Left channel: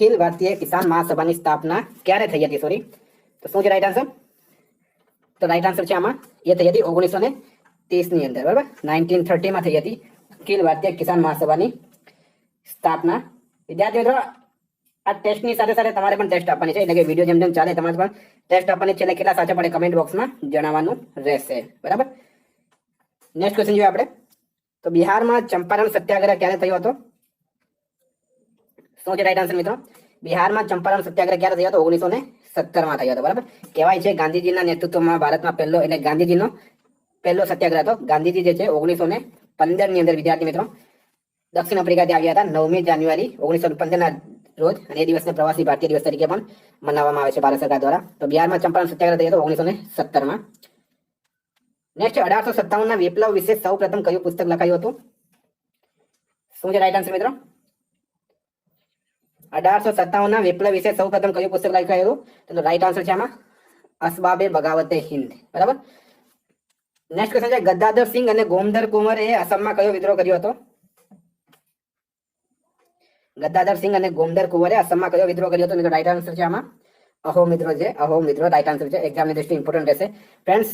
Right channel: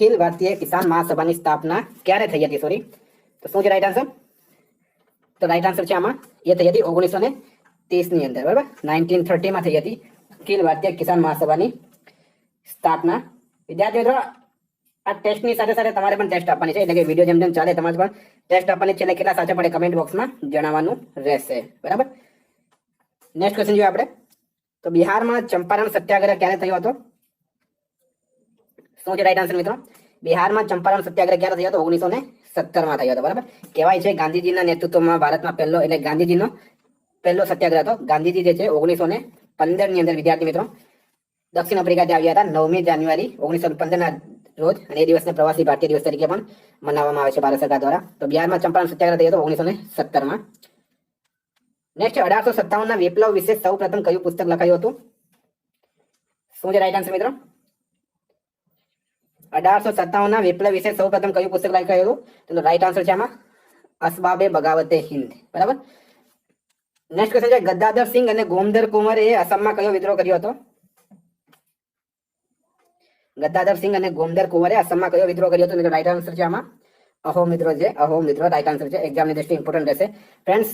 અખિલ ભારતીય કિસાન મહાસભાની સ્થાપના ક્યારે થઈ હતી? સોરી, તો શું છે રાઈટ આન્સર? તો રાઈટ આન્સર છે આમાં એ થઈ હતી 1930 ની અંદર, બરાબર. 1930 માં થઈ હતી અખિલ ભારતીય કિસાન મહાસભાની સ્થાપના. વિદ્યાર્થી મિત્રો, આ ટેસ્ટની સાથે સાથે તમારે પણ ટેસ્ટ આપવાની છે, એટલે કે વિડીયો જેમ જેમ ચાલે તમારે પણ ટેસ્ટ આપવાની છે, એટલે કેટલા સાચા પડે કમેન્ટ બોક્સમાં જણાવવાનું રહેશે, બરાબર. નેક્સ્ટ ક્વેશ્ચન જોઈએ આપણે. તો બિહારમાં ચંપારણ સત્યાગ્રહ ક્યારે થયો હતો? શું છે રાઈટ આન્સર મિત્રો? બિહારમાં ચંપારણ સત્યાગ્રહ ક્યારે થયો હતો? 1917 માં થયો હતો, બરાબર. કહેવાય છે ગાંધીજીના નેતૃત્વમાં ભારતમાં પહેલો, એટલે ગાંધીજીનો પહેલો સત્યાગ્રહ હતો. ગાંધીજી જે છે 1915 ની અંદર વિદ્યાર્થી મિત્રો દક્ષિણ આફ્રિકાથી આવ્યા હતા 9મી જાન્યુઆરી 1915 ના રોજ, અને એ દિવસને પ્રવાસી ભારતીય દિવસ તરીકે પણ મનાવવામાં આવે છે ભારત સરકાર દ્વારા. તો બિહારમાં ચંપારણ સત્યાગ્રહ થયો હતો 1917 માં. નેક્સ્ટ, 1857 ના વિપ્લવ વિશે સૌ પ્રથમ કયું પુસ્તક લખાયું હતું? શું છે રાઈટ આન્સર મિત્રો? 1857 ના વિપ્લવ વિશે સૌ પ્રથમ કયું પુસ્તક લખાયું હતું? તો રાઈટ આન્સર છે આમાં અસબાબે બગાવતે હિન્દ, બરાબર. નેક્સ્ટ ક્વેશ્ચન છે ગદ્દાધર સિંહ અને ગોમધર કુંવરે આસામમાં કયો વિદ્રોહ કર્યો હતો? ગદ્દાધર સિંહ અને ગોમધર કુંવરે આસામમાં કયો વિદ્રોહ કર્યો હતો? તો રાઈટ આન્સર છે આમાં અહોમ વિદ્રોહ છે. અહોમ વિદ્રોહ રાઈટ આન્સર છે. એક્ઝામની દ્રષ્ટિએ ઇમ્પોર્ટન્ટ રહેશે. ફ્રેન્ડ્સ,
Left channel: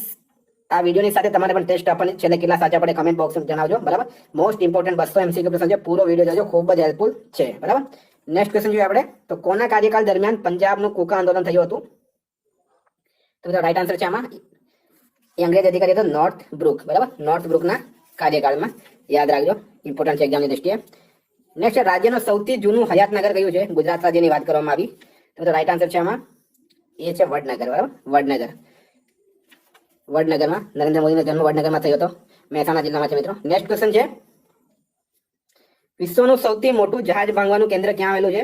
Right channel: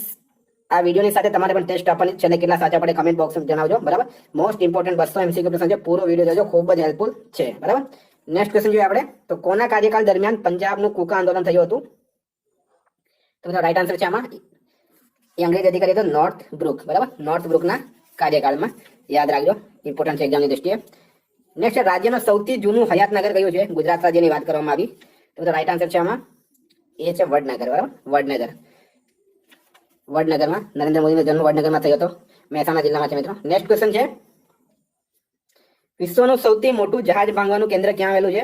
આ વિડીયોની સાથે તમારે પણ ટેસ્ટ આપવાની છે, કેટલા સાચા પડે કમેન્ટ બોક્સમાં જણાવજો, બરાબર. મોસ્ટ ઇમ્પોર્ટન્ટ 200 MCQ પ્રશ્ન છે, પૂરો વિડીયો જોજો, ખૂબ જ હેલ્પફુલ છે, બરાબર. નેક્સ્ટ ક્વેશ્ચન જોઈએ આપણે. તો કોના કાર્યકાળ દરમિયાન પંજાબનું કૂકા આંદોલન થયું હતું? તો રાઈટ આન્સર છે આમાં એ અંગ્રેજ અધિકારી હતો નોર્થ બ્રુક, બરાબર. નોર્થ બ્રુકના કાર્યકાળમાં, યાદ રાખજો, ઇમ્પોર્ટન્ટ છે એક્ઝામની દ્રષ્ટિએ. નેક્સ્ટ, રાજ્યનું સૌથી જૂનું હયાતનગર કયું છે? ગુજરાત રાજ્યની વાત કરવામાં આવી. તો રાઈટ આન્સર છે આમાં એ છે વડનગર, બરાબર. વડનગર. વડનગરમાં નરેન્દ્ર મોદીનો જન્મ વડનગરમાં થયો હતો, મહેસાણા જિલ્લામાં છે મિત્રો. નેક્સ્ટ ક્વેશ્ચન છે વિશ્વનું સૌથી મોટું જહાજ ભાંગવાનું કેન્દ્ર ક્યાં આવેલું છે?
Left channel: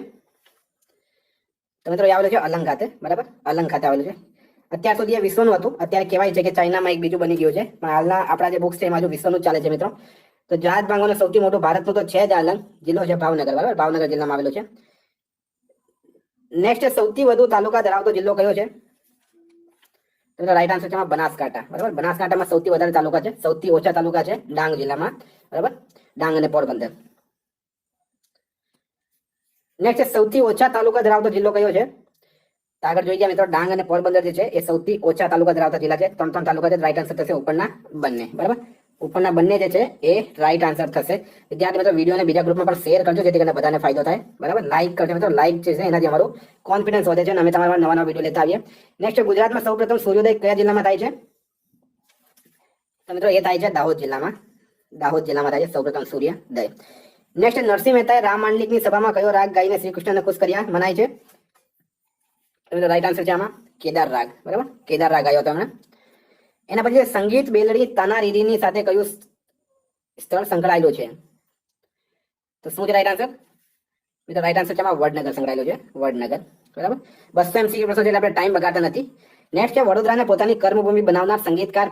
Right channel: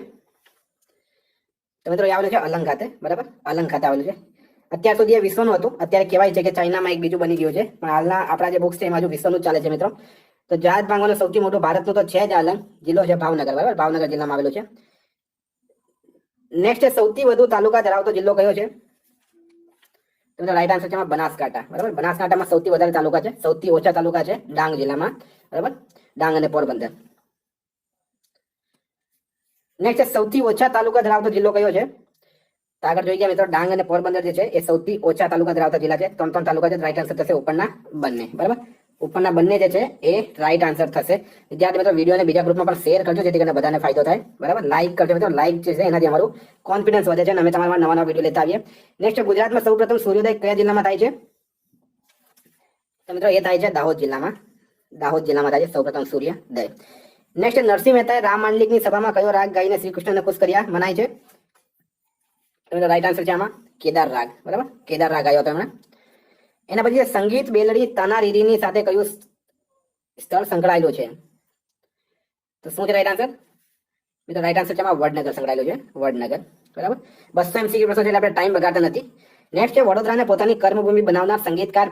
તો મિત્રો એ આવેલું છે અલંગ ખાતે, બરાબર. અલંગ ખાતે આવેલું છે. અત્યાર સુધી એ વિશ્વનું હતું, અત્યારે કહેવાય છે કે ચાઇનામાં એક બીજું બની ગયું છે, પણ હાલના આપણા જે બુક્સ છે એમાં જો વિશ્વનું ચાલે છે મિત્રો. તો જહાજ ભાંગવાનું સૌથી મોટું ભારતનું તો છે જ અલંગ, જિલ્લો છે ભાવનગર, બરાબર. ભાવનગર જિલ્લામાં આવેલું છે. નેક્સ્ટ, સૌથી વધુ તાલુકા ધરાવતો જિલ્લો કયો છે? તો રાઈટ આન્સર છે બનાસકાંઠા, બરાબર. બનાસકાંઠામાં સૌથી વધારે તાલુકા છે, સૌથી ઓછા તાલુકા છે ડાંગ જિલ્લામાં, બરાબર. ડાંગ અને પોરબંદર. નેક્સ્ટ, સૌથી ઓછા તાલુકા ધરાવતો જિલ્લો કયો છે? તો આગળ જોઈ ગયા મિત્રો, ડાંગ અને પોરબંદર જે છે એ સૌથી ઓછા તાલુકા ધરાવતા જિલ્લા છે. 3 તાલુકા છે. રાઈટ આન્સર થશે ઉપરના બંને, બરાબર. ઉપરના બંને જે છે એ રાઈટ આન્સર થશે. વિદ્યાર્થી મિત્રો, વિડીયોને બીજા ગ્રુપમાં પણ શેર કરજો, જેથી કરીને બધાને ફાયદો થાય, બરાબર. લાઈક કરજો મિત્રો, લાઈક જે છે એનાથી અમારું કોન્ફિડન્સ વધે છે અને અમે તમારા નવા નવા વિડીયો લેતા આવીએ. નેક્સ્ટ, ગુજરાતમાં સૌપ્રથમ સૂર્યોદય કયા જિલ્લામાં થાય છે? તો મિત્રો એ થાય છે દાહોદ જિલ્લામાં. દાહોદ જિલ્લામાં થાય છે સૌપ્રથમ સૂર્યોદય. નેક્સ્ટ, નરસિંહ મહેતાએ રામ માંડલિકની સભામાં કયો રાગ ગાઈને શ્રી કૃષ્ણને ખુશ કર્યા મનાય છે? રાઈટ આન્સર છે આમાં કેદાર રાગ, બરાબર. કેદાર રાગ ગાયો હતો એમણે. એના પછી સંગીત બેલડી તાનારીરીની સાથે કયું સ્થળ સંકળાયેલું છે? તો શું છે રાઈટ આન્સર? મિત્રો રાઈટ આન્સર છે આમાં વડનગર સંકળાયેલું છે, વડનગર, બરાબર. 200 MCQ પ્રશ્નો છે એટલે આપણે ટાઈમ બગાડતા નથી. નેક્સ્ટ છે વડોદરાને પોતાની કર્મભૂમિ બનાવનાર સંગીતકાર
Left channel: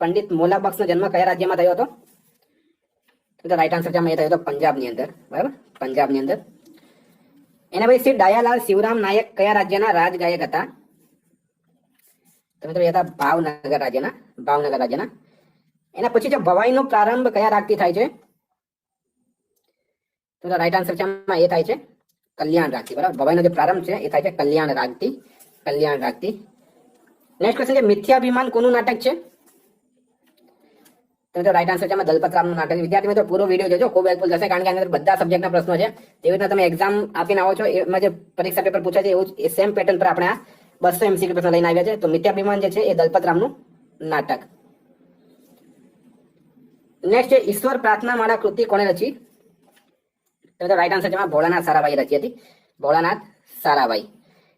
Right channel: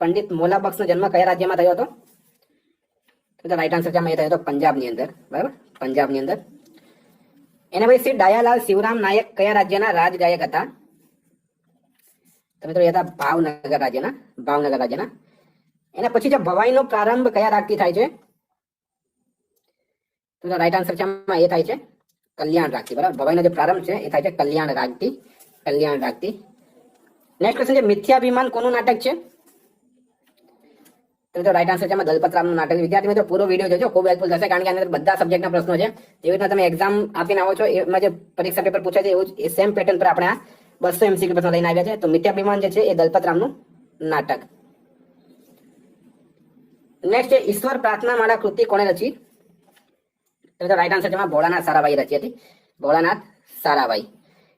પંડિત મોલાબક્ષનો જન્મ કયા રાજ્યમાં થયો હતો? તો રાઈટ આન્સર છે આમાં એ થયો હતો પંજાબની અંદર, બરાબર. પંજાબની અંદર. એના પછી શ્રી ડાયાલાલ શિવરામ નાયક કયા રાજ્યના રાજગાયક હતા? તો મિત્રો એ હતા ભાવનગર રાજ્યના, ભાવનગર રાજ્યના. એના પછી છે ભવાઈનો પ્રારંભ કયા રાગથી થાય છે? તો રાઈટ આન્સર છે આમાં એ થાય છે કલ્યાણ રાગથી, બરાબર. ભવાઈનો જે પ્રારંભ છે એ થાય છે કલ્યાણ રાગથી, કલ્યાણ રાગથી. નેક્સ્ટ ક્વેશ્ચન છે મિથ્યાભિમાન કોનું નાટક છે? તો રાઈટ આન્સર છે આમાં દલપતરામનું નાટક. વિદ્યાર્થી મિત્રો પૂરો વિડીયો જોજો, ખૂબ હેલ્પફુલ થશે, કારણ કે અંદર બધા સબ્જેક્ટના પ્રશ્નો છે. એવી રીતના તમે એક્ઝામ આપીને આવો છો, એમાં જે પરીક્ષા પેપર પૂછાય છે એવું એ સેમ પેટર્ન પર આપણે આ 200 MCQ પ્રશ્ન લઈને આવ્યા છે. તો મિથ્યાભિમાન જે છે એ દલપતરામનું નાટક. નેક્સ્ટ છે ઈશ્વર પ્રાર્થના મારા કૃતિ કોણે રચી? તો રાઈટ આન્સર છે ભોળાનાથ સારાભાઈ રચી હતી, ભોળાનાથ સારાભાઈ.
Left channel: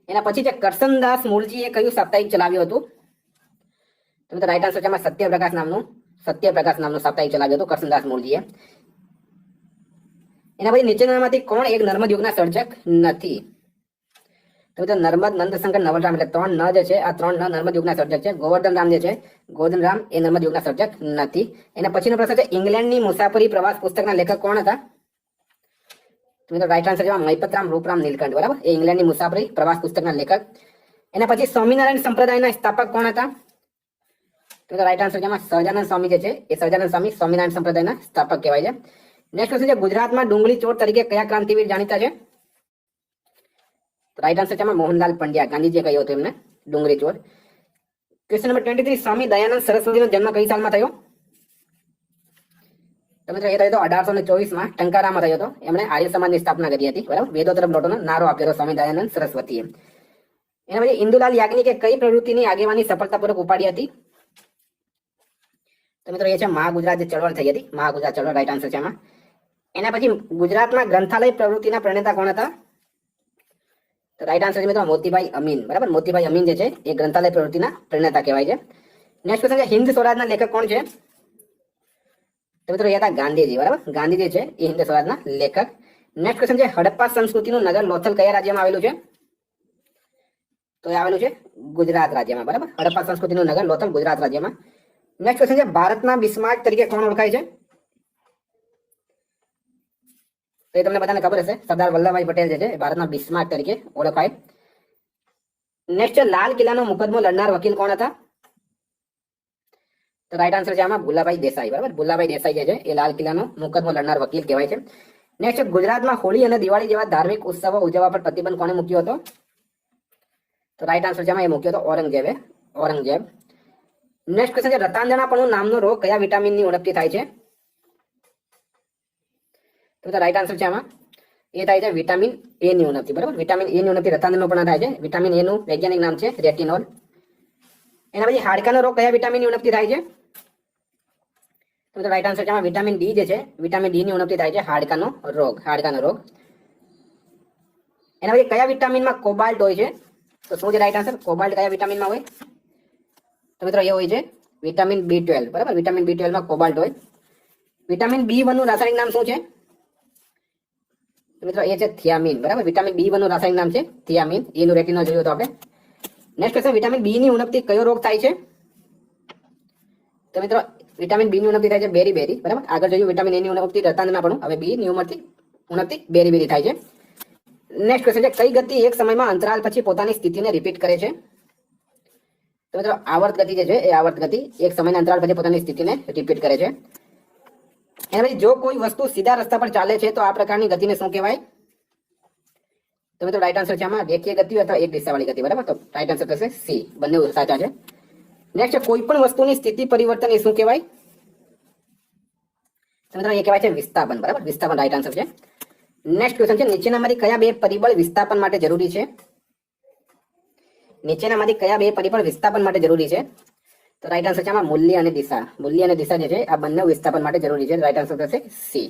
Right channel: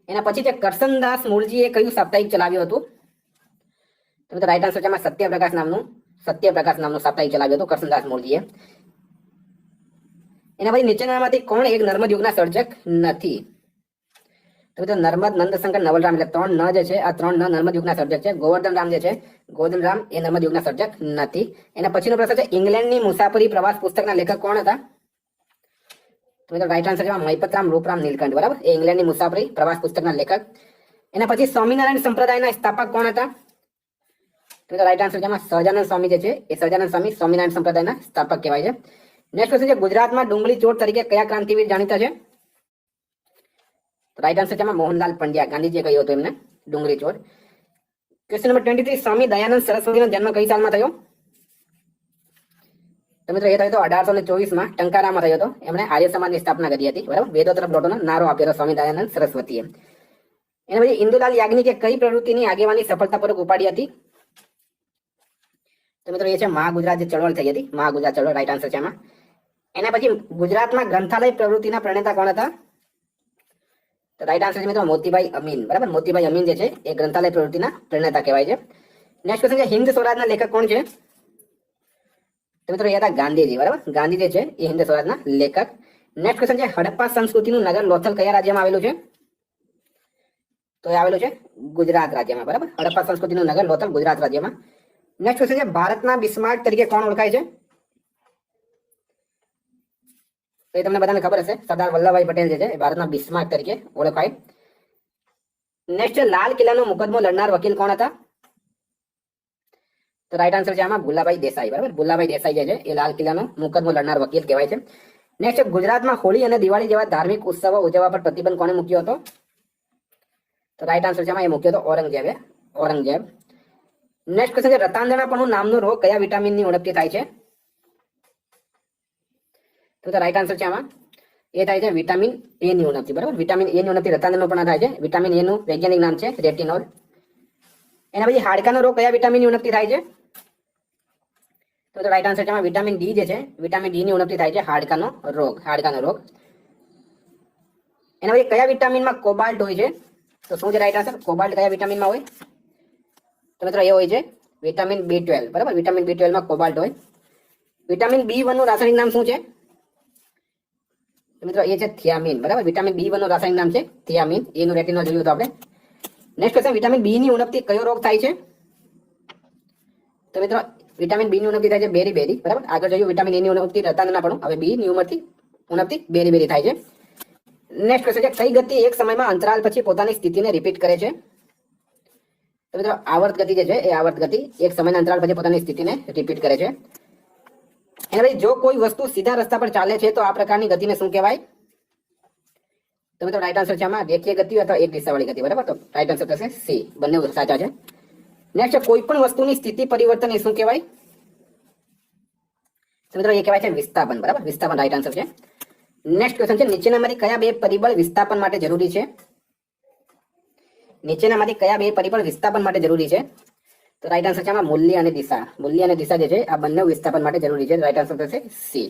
એના પછી છે કરસનદાસ મૂળજીએ કયું સાપ્તાહિક ચલાવ્યું હતું? તો રાઈટ આન્સર છે સત્યપ્રકાશ નામનું સાપ્તાહિક ચલાવ્યું હતું કરસનદાસ મૂળજીએ. એના પછી નીચેનામાંથી કોણ એક નર્મદ યુગના સર્જક નથી? તો નર્મદ, નંદશંકર, નવલરામ, એટલે 3 ન જે છે આ 3 ન નર્મદ યુગના સર્જક છે. ગોવર્ધન રામ જે છે, ગોવર્ધન રામ એ નર્મદ યુગના સર્જક નથી. એના પછીનો પ્રશ્ન છે ઇંગ્લેન્ડની મુસાફરી પ્રવાસ પુસ્તકના લેખક કોણ હતા? તો રાઈટ આન્સર છે મૈપતરામ રૂપરામ નીલકંઠ, બરાબર. એ ઇંગ્લેન્ડની મુસાફરી પ્રવાસ પુસ્તકના લેખક. એના પછી સ્વામિનારાયણ સંપ્રદાયના સ્થાપક કોણ હતા? તો રાઈટ આન્સર છે સહજાનંદ સ્વામી જે છે એ સહજાનંદ સ્વામી સ્વામિનારાયણ સંપ્રદાયના સ્થાપક કહેવાય છે. નેક્સ્ટ ક્વેશ્ચન છે ગુજરાતમાં ડુંગળી ચોર તરીકે કયા ક્રાંતિવીર જાણીતા છે? તો રાઈટ આન્સર છે આમાં મોહનલાલ પંડ્યા, ગાંધીજીએ કહ્યું હતું એમને ડુંગળી ચોર. ક્વેશ્ચન નંબર 23, સ્વામી દયાનંદ સરસ્વતીનો જન્મ કઈ સાલમાં થયો? તો મિત્રો એ થયો હતો 1824માં ટંકારામાં થયો હતો. એમણે આર્ય સમાજની સ્થાપના કરી હતી, બરાબર. વેદો તરફ લોટોનો નારો આપ્યો હતો સ્વામી દયાનંદ સરસ્વતીએ. એના પછી ઇન્દુલાલ યાજ્ઞિકે કઈ પ્રવૃત્તિની આગેવાની સફળતાપૂર્વક ઉપાડી હતી? તો મિત્રો એ છે મહાગુજરાત જે ચળવળ થઈ હતી, મહાગુજરાત ચળવળ રાઈટ આન્સર છે એમાં. એના પછી ગુજરાતમાં ગ્રંથાલય પ્રવૃત્તિના પ્રણેતા કોણ હતા? તો રાઈટ આન્સર છે મિત્રો મોતીભાઈ અમીન, બરાબર. મોતીભાઈ અમીન જે છે એ ગ્રંથાલય પ્રવૃત્તિના પ્રણેતા કહેવાય છે. નેક્સ્ટ ક્વેશ્ચન છે હિન્દ સ્વરાજના લેખક કોણ છે? તો મિત્રો એ હતા ગાંધીજી, બરાબર. ગાંધીજી છે એ હિન્દ સ્વરાજના લેખક. નેક્સ્ટ ક્વેશ્ચન છે હડપ્પા સંસ્કૃતિનું નગર લોથલ કયા રાજ્યમાં આવેલું છે? તો એ આવેલું છે ગુજરાત રાજ્યમાં, બરાબર. હડપ્પા સંસ્કૃતિનું નગર લોથલ ગુજરાત રાજ્યમાં. નેક્સ્ટ ક્વેશ્ચન છે ભારતના બિસ્માર્ક તરીકે કોણ ઓળખાય છે? તો એ તમને બધાને ખબર હશે, સરદાર વલ્લભભાઈ પટેલ જે છે ભારતના બિસ્માર્ક તરીકે ઓળખાય. નેક્સ્ટ છે લાલ કિલ્લાનો મુકદ્દમો લડનાર વકીલ કોણ હતા? તો રાઈટ આન્સર છે આમાં ભુલાભાઈ દેસાઈ, બરાબર. ભુલાભાઈ દેસાઈ જે છે એ લાલ કિલ્લાનો મુકદ્દમો લડનાર વકીલ કહેવાય છે. નેક્સ્ટ છે ગુજરાતમાં હોળી અને દિવાળી જેવા ધાર્મિક ઉત્સવો ઉજવવા પર પ્રતિબંધ કોણે મૂક્યો હતો? તો રાઈટ આન્સર છે આમાં એ મૂક્યો હતો ઔરંગઝેબે, ઔરંગઝેબ. નેક્સ્ટ ક્વેશ્ચન છે રતાંગણાપણું નામનો રોગ કયા વિટામિનની ઉણપથી થાય છે? તો રાઈટ આન્સર છે આમાં એ થાય છે વિટામિન એ ની ઉણપથી, બરાબર. વિટામિન એ ની ઉણપથી રતાંગણાપણું થાય છે. વિટામિન એ નું વૈજ્ઞાનિક નામ છે રેટિનોલ. એના પછી હાડકાનો રોગ કયા વિટામિનની ઉણપથી થાય છે? તો રાઈટ આન્સર છે આમાં વિટામિન ડી જે છે, વિટામિન ડી ની ઉણપથી થાય છે હાડકાનો રોગ, હાડકાનો રોગ. એના પછી કયા વિટામિનમાં કોબાલ્ટ હોય છે? તો શું છે રાઈટ આન્સર? કોબાલ્ટ કયા વિટામિનમાં હોય? તો મિત્રો એ હોય છે વિટામિન B12, બરાબર. વિટામિન B12 માં કોબાલ્ટ હોય. વિટામિન B1 નું રાસાયણિક નામ શું છે? તો મિત્રો એ છે થિયામિન, બરાબર. વિટામિન B1 નું રાસાયણિક નામ છે થિયામિન. એનું રેટિનોલ જોયું તો આપણે. નેક્સ્ટ ક્વેશ્ચન વિટામિન બી ની ઉણપથી કયો રોગ થાય છે? તો મિત્રો વિટામિન બી ની ઉણપથી થાય છે બેરી, બરાબર. આગળ જોયું વિટામિન એ ની ઉણપથી રતાંગણાપણું, હવે બી ની ઉણપથી બેરી થાય છે. નેક્સ્ટ ક્વેશ્ચન છે કઈ ગતિ એક સમયમાં અંતરાલ પછી પોતાની સ્થિતિને રિપીટ કરે છે? તો મિત્રો આવર્ત ગતિ જે છે એ આવર્ત ગતિ એક સમયના અંતરાલ પછી પોતાની સ્થિતિને રિપીટ કરે છે. એના પછી જો કોઈ વસ્તુ સીધા રસ્તા પર ચાલે છે તો આ પ્રકારની ગતિને શું કહેવાય? તો મિત્રો રાઈટ આન્સર છે આમાં રેખીય ગતિ અથવા એક દિશાવાળી ગતિ, બરાબર. તો રાઈટ આન્સર થશે સી, બંને સાચા છે. નેક્સ્ટ કોઈ પણ વસ્તુની સ્થિતિ પરિવર્તન એ શું કહેવાય? તો મિત્રો એ કહેવાય છે વિસ્થાપન, બરાબર. વિસ્થાપન રાઈટ આન્સર છે. નેક્સ્ટ ક્વેશ્ચન છે નીચેનામાંથી કયા બે પરિબળ વિસ્થાપન માટે જરૂરી છે? નીચેનામાંથી કયા બે પરિબળ વિસ્થાપન માટે જરૂરી છે? તો રાઈટ આન્સર છે આમાં મૂલ્ય અને દિશા. મૂલ્ય અને દિશા જે છે આ બંને વિસ્થાપન માટે જરૂરી છે. રાઈટ આન્સર થશે સી.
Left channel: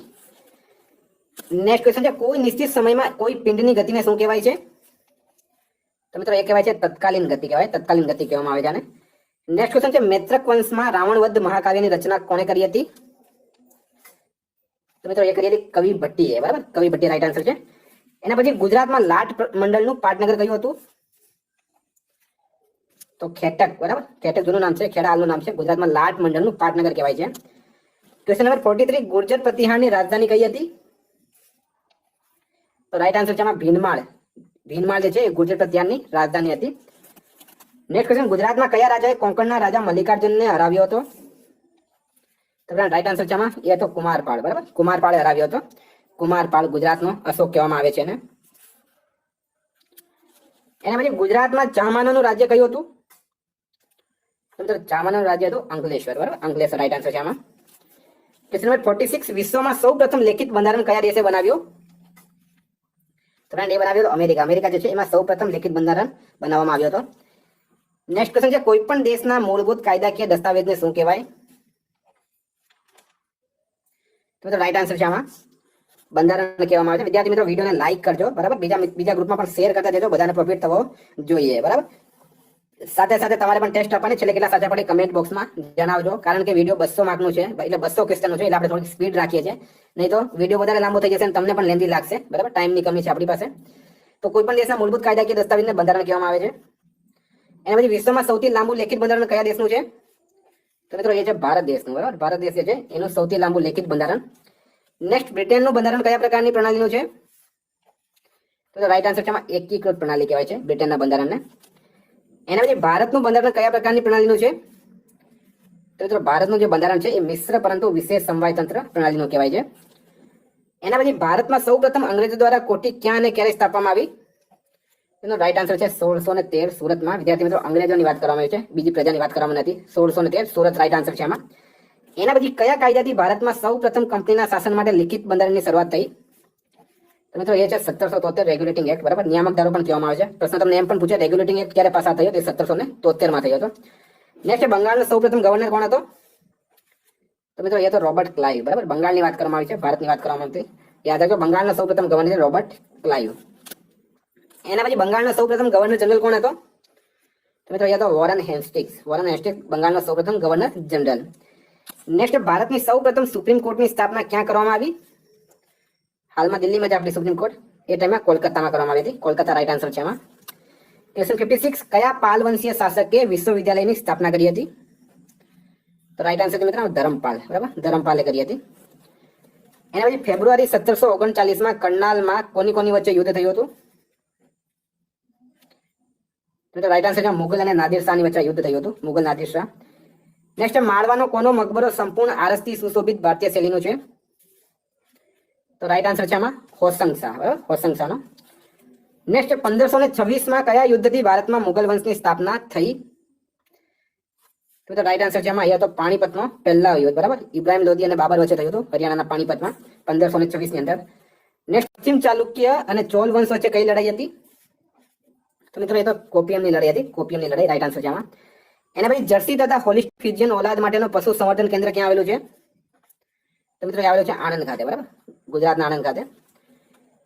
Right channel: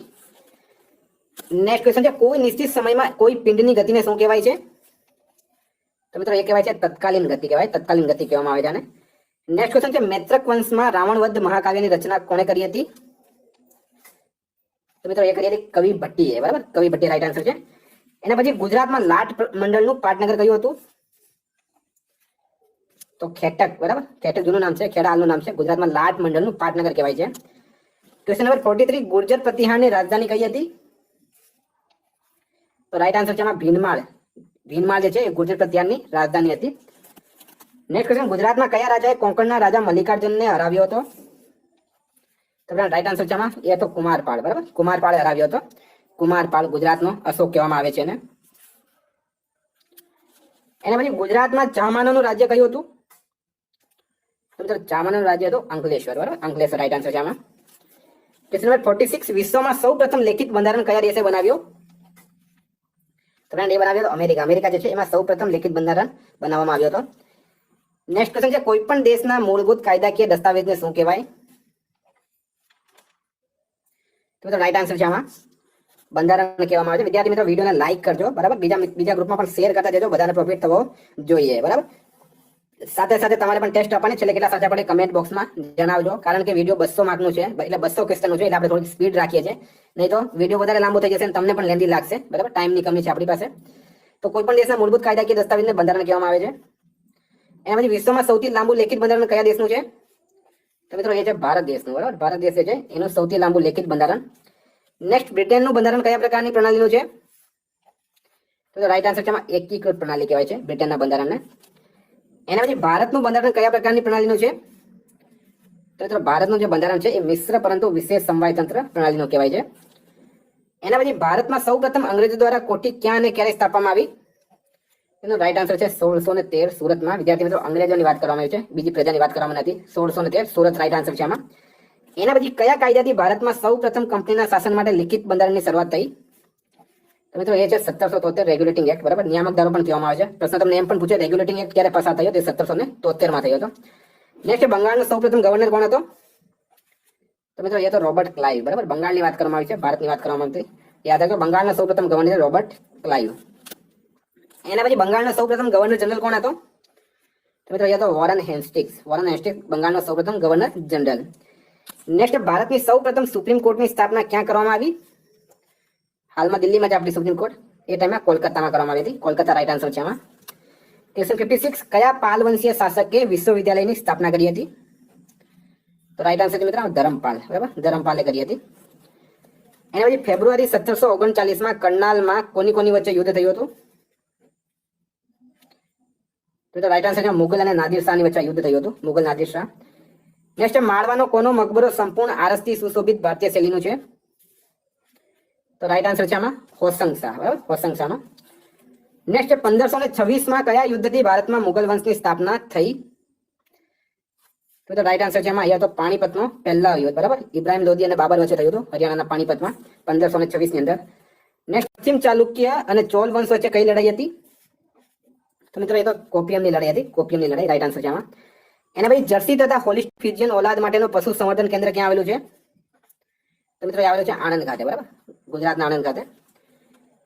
નેક્સ્ટ ક્વેશ્ચન છે કોઈ નિશ્ચિત સમયમાં કોઈ પિંડની ગતિને શું કહેવાય છે? તો મિત્રો એ કહેવાય છે તત્કાલીન ગતિ કહેવાય, તત્કાલીન ગતિ કહેવામાં આવે છે આને. નેક્સ્ટ ક્વેશ્ચન છે મૈત્રક વંશમાં રાવણવધ મહાકાવ્યની રચના કોણે કરી હતી? તો મિત્રો એ કરી હતી કવિ ભટ્ટીએ, બરાબર. કવિ ભટ્ટી રાઈટ આન્સર છે. એના પછી ગુજરાતમાં લાટ મંડળનું પાટનગર કયું હતું? તો ખેટક, બરાબર. ખેટક જૂનું નામ છે, ખેડા હાલનું નામ છે. ગુજરાતમાં લાટ મંડળનું પાટનગર કહેવાય છે. ક્વેશ્ચન નંબર 43 ગુર્જર પ્રતિહારની રાજધાની કઈ હતી? તો રાઈટ આન્સર છે આમાં ભીનમાળ. ભીનમાળ જે છે એ ગુર્જર પ્રતિહારની રાજધાની હતી. નેક્સ્ટ ક્વેશ્ચન ગુજરાતમાં કયા રાજાએ કોંકણના રાજા મલ્લિકાર્જુનને હરાવ્યો હતો? તો રાઈટ આન્સર છે આમાં એ હતો કુમારપાળ, બરાબર. કુમારપાળે હરાવ્યો હતો. કુમારપાળ ગુજરાતનો અશોક કહેવામાં આવે છે એને. એના પછી ગુજરાતમાં ચામાનાનું રાજ્ય કયું હતું? તો ચામાનાનું રાજ્ય હતું અંકલેશ્વર, બરાબર. અંકલેશ્વર રાઈટ આન્સર છે આમાં. ક્વેશ્ચન નંબર 46 વિશ્વમાં સૌપ્રથમ લેખિત બંધારણ કયા દેશે બનાવ્યું? તો એ બનાવ્યો હતો અમેરિકા. અમેરિકા જે છે એમાં સૌપ્રથમ લેખિત બંધારણ બનાવવામાં આવ્યો હતો. નેક્સ્ટ ક્વેશ્ચન છે કોઈ પણ દેશના મૂળભૂત કાયદાકીય દસ્તાવેજને શું કહેવાય? તો રાઈટ આન્સર છે આમાં બંધારણ કહેવામાં આવે છે. વિદ્યાર્થી મિત્રો વિડીયોને લાઈક કરજો, બરાબર. બીજા ગ્રુપમાં પણ શેર કરતા જજો, બધાને પ્રોફિટ થવો જોઈએ, બરાબર. સાથે સાથે તમારે પણ ટેસ્ટ આપવાની છેલ્લે કેટલા સાચા પડે કમેન્ટ બોક્સમાં જણાવજો. કારણ કે વિડીયો 200 માર્કનું છે, એટલે 200 ક્વેશ્ચનનું છે, એટલે આપણે થોડી સ્પીડ રાખીએ છીએ. નહીં તો વિડીયો વધારે લાંબો થઈ જશે અને તમને પણ લેન્ધી લાગશે, બરાબર. ટાઈમની કમી છે આપણી પાસે. તો કોઈ પણ દેશના મૂળભૂત કાયદાકીય દસ્તાવેજને બંધારણ કહેવામાં આવે છે. એના પછી વિશ્વમાં સૌથી લાંબુ લેખિત બંધારણ કયા દેશનું છે? તો મિત્રો એ છે ભારત દેશનું, બરાબર. ભારત દેશ જે છે એનું સૌથી લાંબુ લેખિત બંધારણ. નેક્સ્ટ બ્રિટનનું બંધારણ કયા પ્રકારની પ્રણાલીનું છે? તો રાઈટ આન્સર છે આમાં એકીકૃત પ્રણાલી કહેવાય છે બ્રિટનના બંધારણને. એના પછી ભારતનું બંધારણ કયા પ્રકારની પ્રણાલીનું છે? તો મિત્રો ભારતનું જે બંધારણ છે એ મિશ્ર પરંતુ વિશેષ સમવાય તંત્ર પ્રણાલીનું કહેવાય છે. એના પછી ભારતમાં સૌપ્રથમ અંગ્રેજો દ્વારા કોઠી ક્યાં અને ક્યારે સ્થાપવામાં આવી? એનો રાઈટ આન્સર છે 1613 સુરતમાં. વિદ્યાર્થી મિત્રો, અંગ્રેજોની વાત કરવામાં આવી છે, બીજી પ્રજાની વાત કરવામાં નથી. 1613 સુરત રાઈટ આન્સર છે આમાં. એના પછી કયા કાયદાથી ભારતમાં સૌ પ્રથમ કંપનીના શાસન માટે લિખિત બંધારણની શરૂઆત થઈ? તો મિત્રો એ છે 1773 રેગ્યુલેટિંગ એક્ટ, બરાબર. નિયામક ધારો પણ કહેવામાં આવે છે. પ્રશ્ન તમને એમ પણ પૂછે રેગ્યુલેટિંગ એક્ટ ક્યારે પસાર થયો? તે 1773 માં થયો હતો. નેક્સ્ટ, બંગાળનો સૌપ્રથમ ગવર્નર કોણ હતો? તો મિત્રો એ તો રોબર્ટ ક્લાઇવ, બરાબર. બંગાળની વાત કરવામાં આવી છે, ભારતની વાત કરવામાં આવી. યાદ રાખજો, બંગાળના સૌપ્રથમ ગવર્નર રોબર્ટ ક્લાઇવ. એના પછી બંગાળનો સૌપ્રથમ ગવર્નર જનરલ કોણ હતો? તો મિત્રો એ તો વોરન હેસ્ટિંગ્સ. વોરન હેસ્ટિંગ્સ બંગાળનો સૌપ્રથમ ગવર્નર જનરલ. નેક્સ્ટ, ભારતની સૌપ્રથમ સુપ્રીમ કોર્ટની સ્થાપના ક્યાં કરવામાં આવી? હાલમાં દિલ્હીમાં જ આપણી સુપ્રીમ કોર્ટ, એ ટાઈમે કોલકાતામાં કરવામાં આવી હતી. કોલકાતા રાઈટ આન્સર છે આમાં. ક્વેશ્ચન 56, કયા પાલ વંશીય શાસકે વિશ્વવિદ્યાલયની સ્થાપના કરી હતી? તો રાઈટ આન્સર છે મિત્રો ધરમપાલ, બરાબર. ધરમપાલે કરી હતી. એના પછી ફેબ્રુઆરી 1739 કરનાલમાં કોની વચ્ચે યુદ્ધ થયું હતું? તો રાઈટ આન્સર છે મુગલ અને નાદિર શાહની વચ્ચે યુદ્ધ થયું હતું, મુગલ નાદિર શાહ. નેક્સ્ટ, માળવાનો કોનો મકબરો સંપૂર્ણ આરસથી સુશોભિત ભારતીય શૈલીનું છે? તો રાઈટ આન્સર છે આમાં હોસંગ શાહ, બરાબર. હોસંગ શાહનો. નેક્સ્ટ, 1526 કયા યુદ્ધથી ભારતમાં મુગલ વંશની સ્થાપના થઈ? તો રાઈટ આન્સર છે આમાં અહીંયા તો પાણીપતનો પહેલા યુદ્ધ, બરાબર. ઇબ્રાહિમ લોધી અને બાબર વચ્ચે થયું હતું હરિયાણાના પાણીપતમાં 1526 ની અંદર. નેક્સ્ટ, પશ્ચિમ ચાલુક્ય અને ચોલ વંશ વચ્ચે કઈ લડાઈ હતી? તો મિત્રો એ તો કોપિયમની લડાઈ હતી, કોપિયમની લડાઈ રાઈટ આન્સર છે આમાં. એના પછી જર્સી તથા હોલિસ્ટ ફ્રીજીયન ઓલાદ માટેનું પશુ સંવર્ધન કેન્દ્ર ક્યાં આવેલું છે? તો મિત્રો આવેલું છે આણંદ ખાતે, બરાબર. ગુજરાતના આણંદ ખાતે.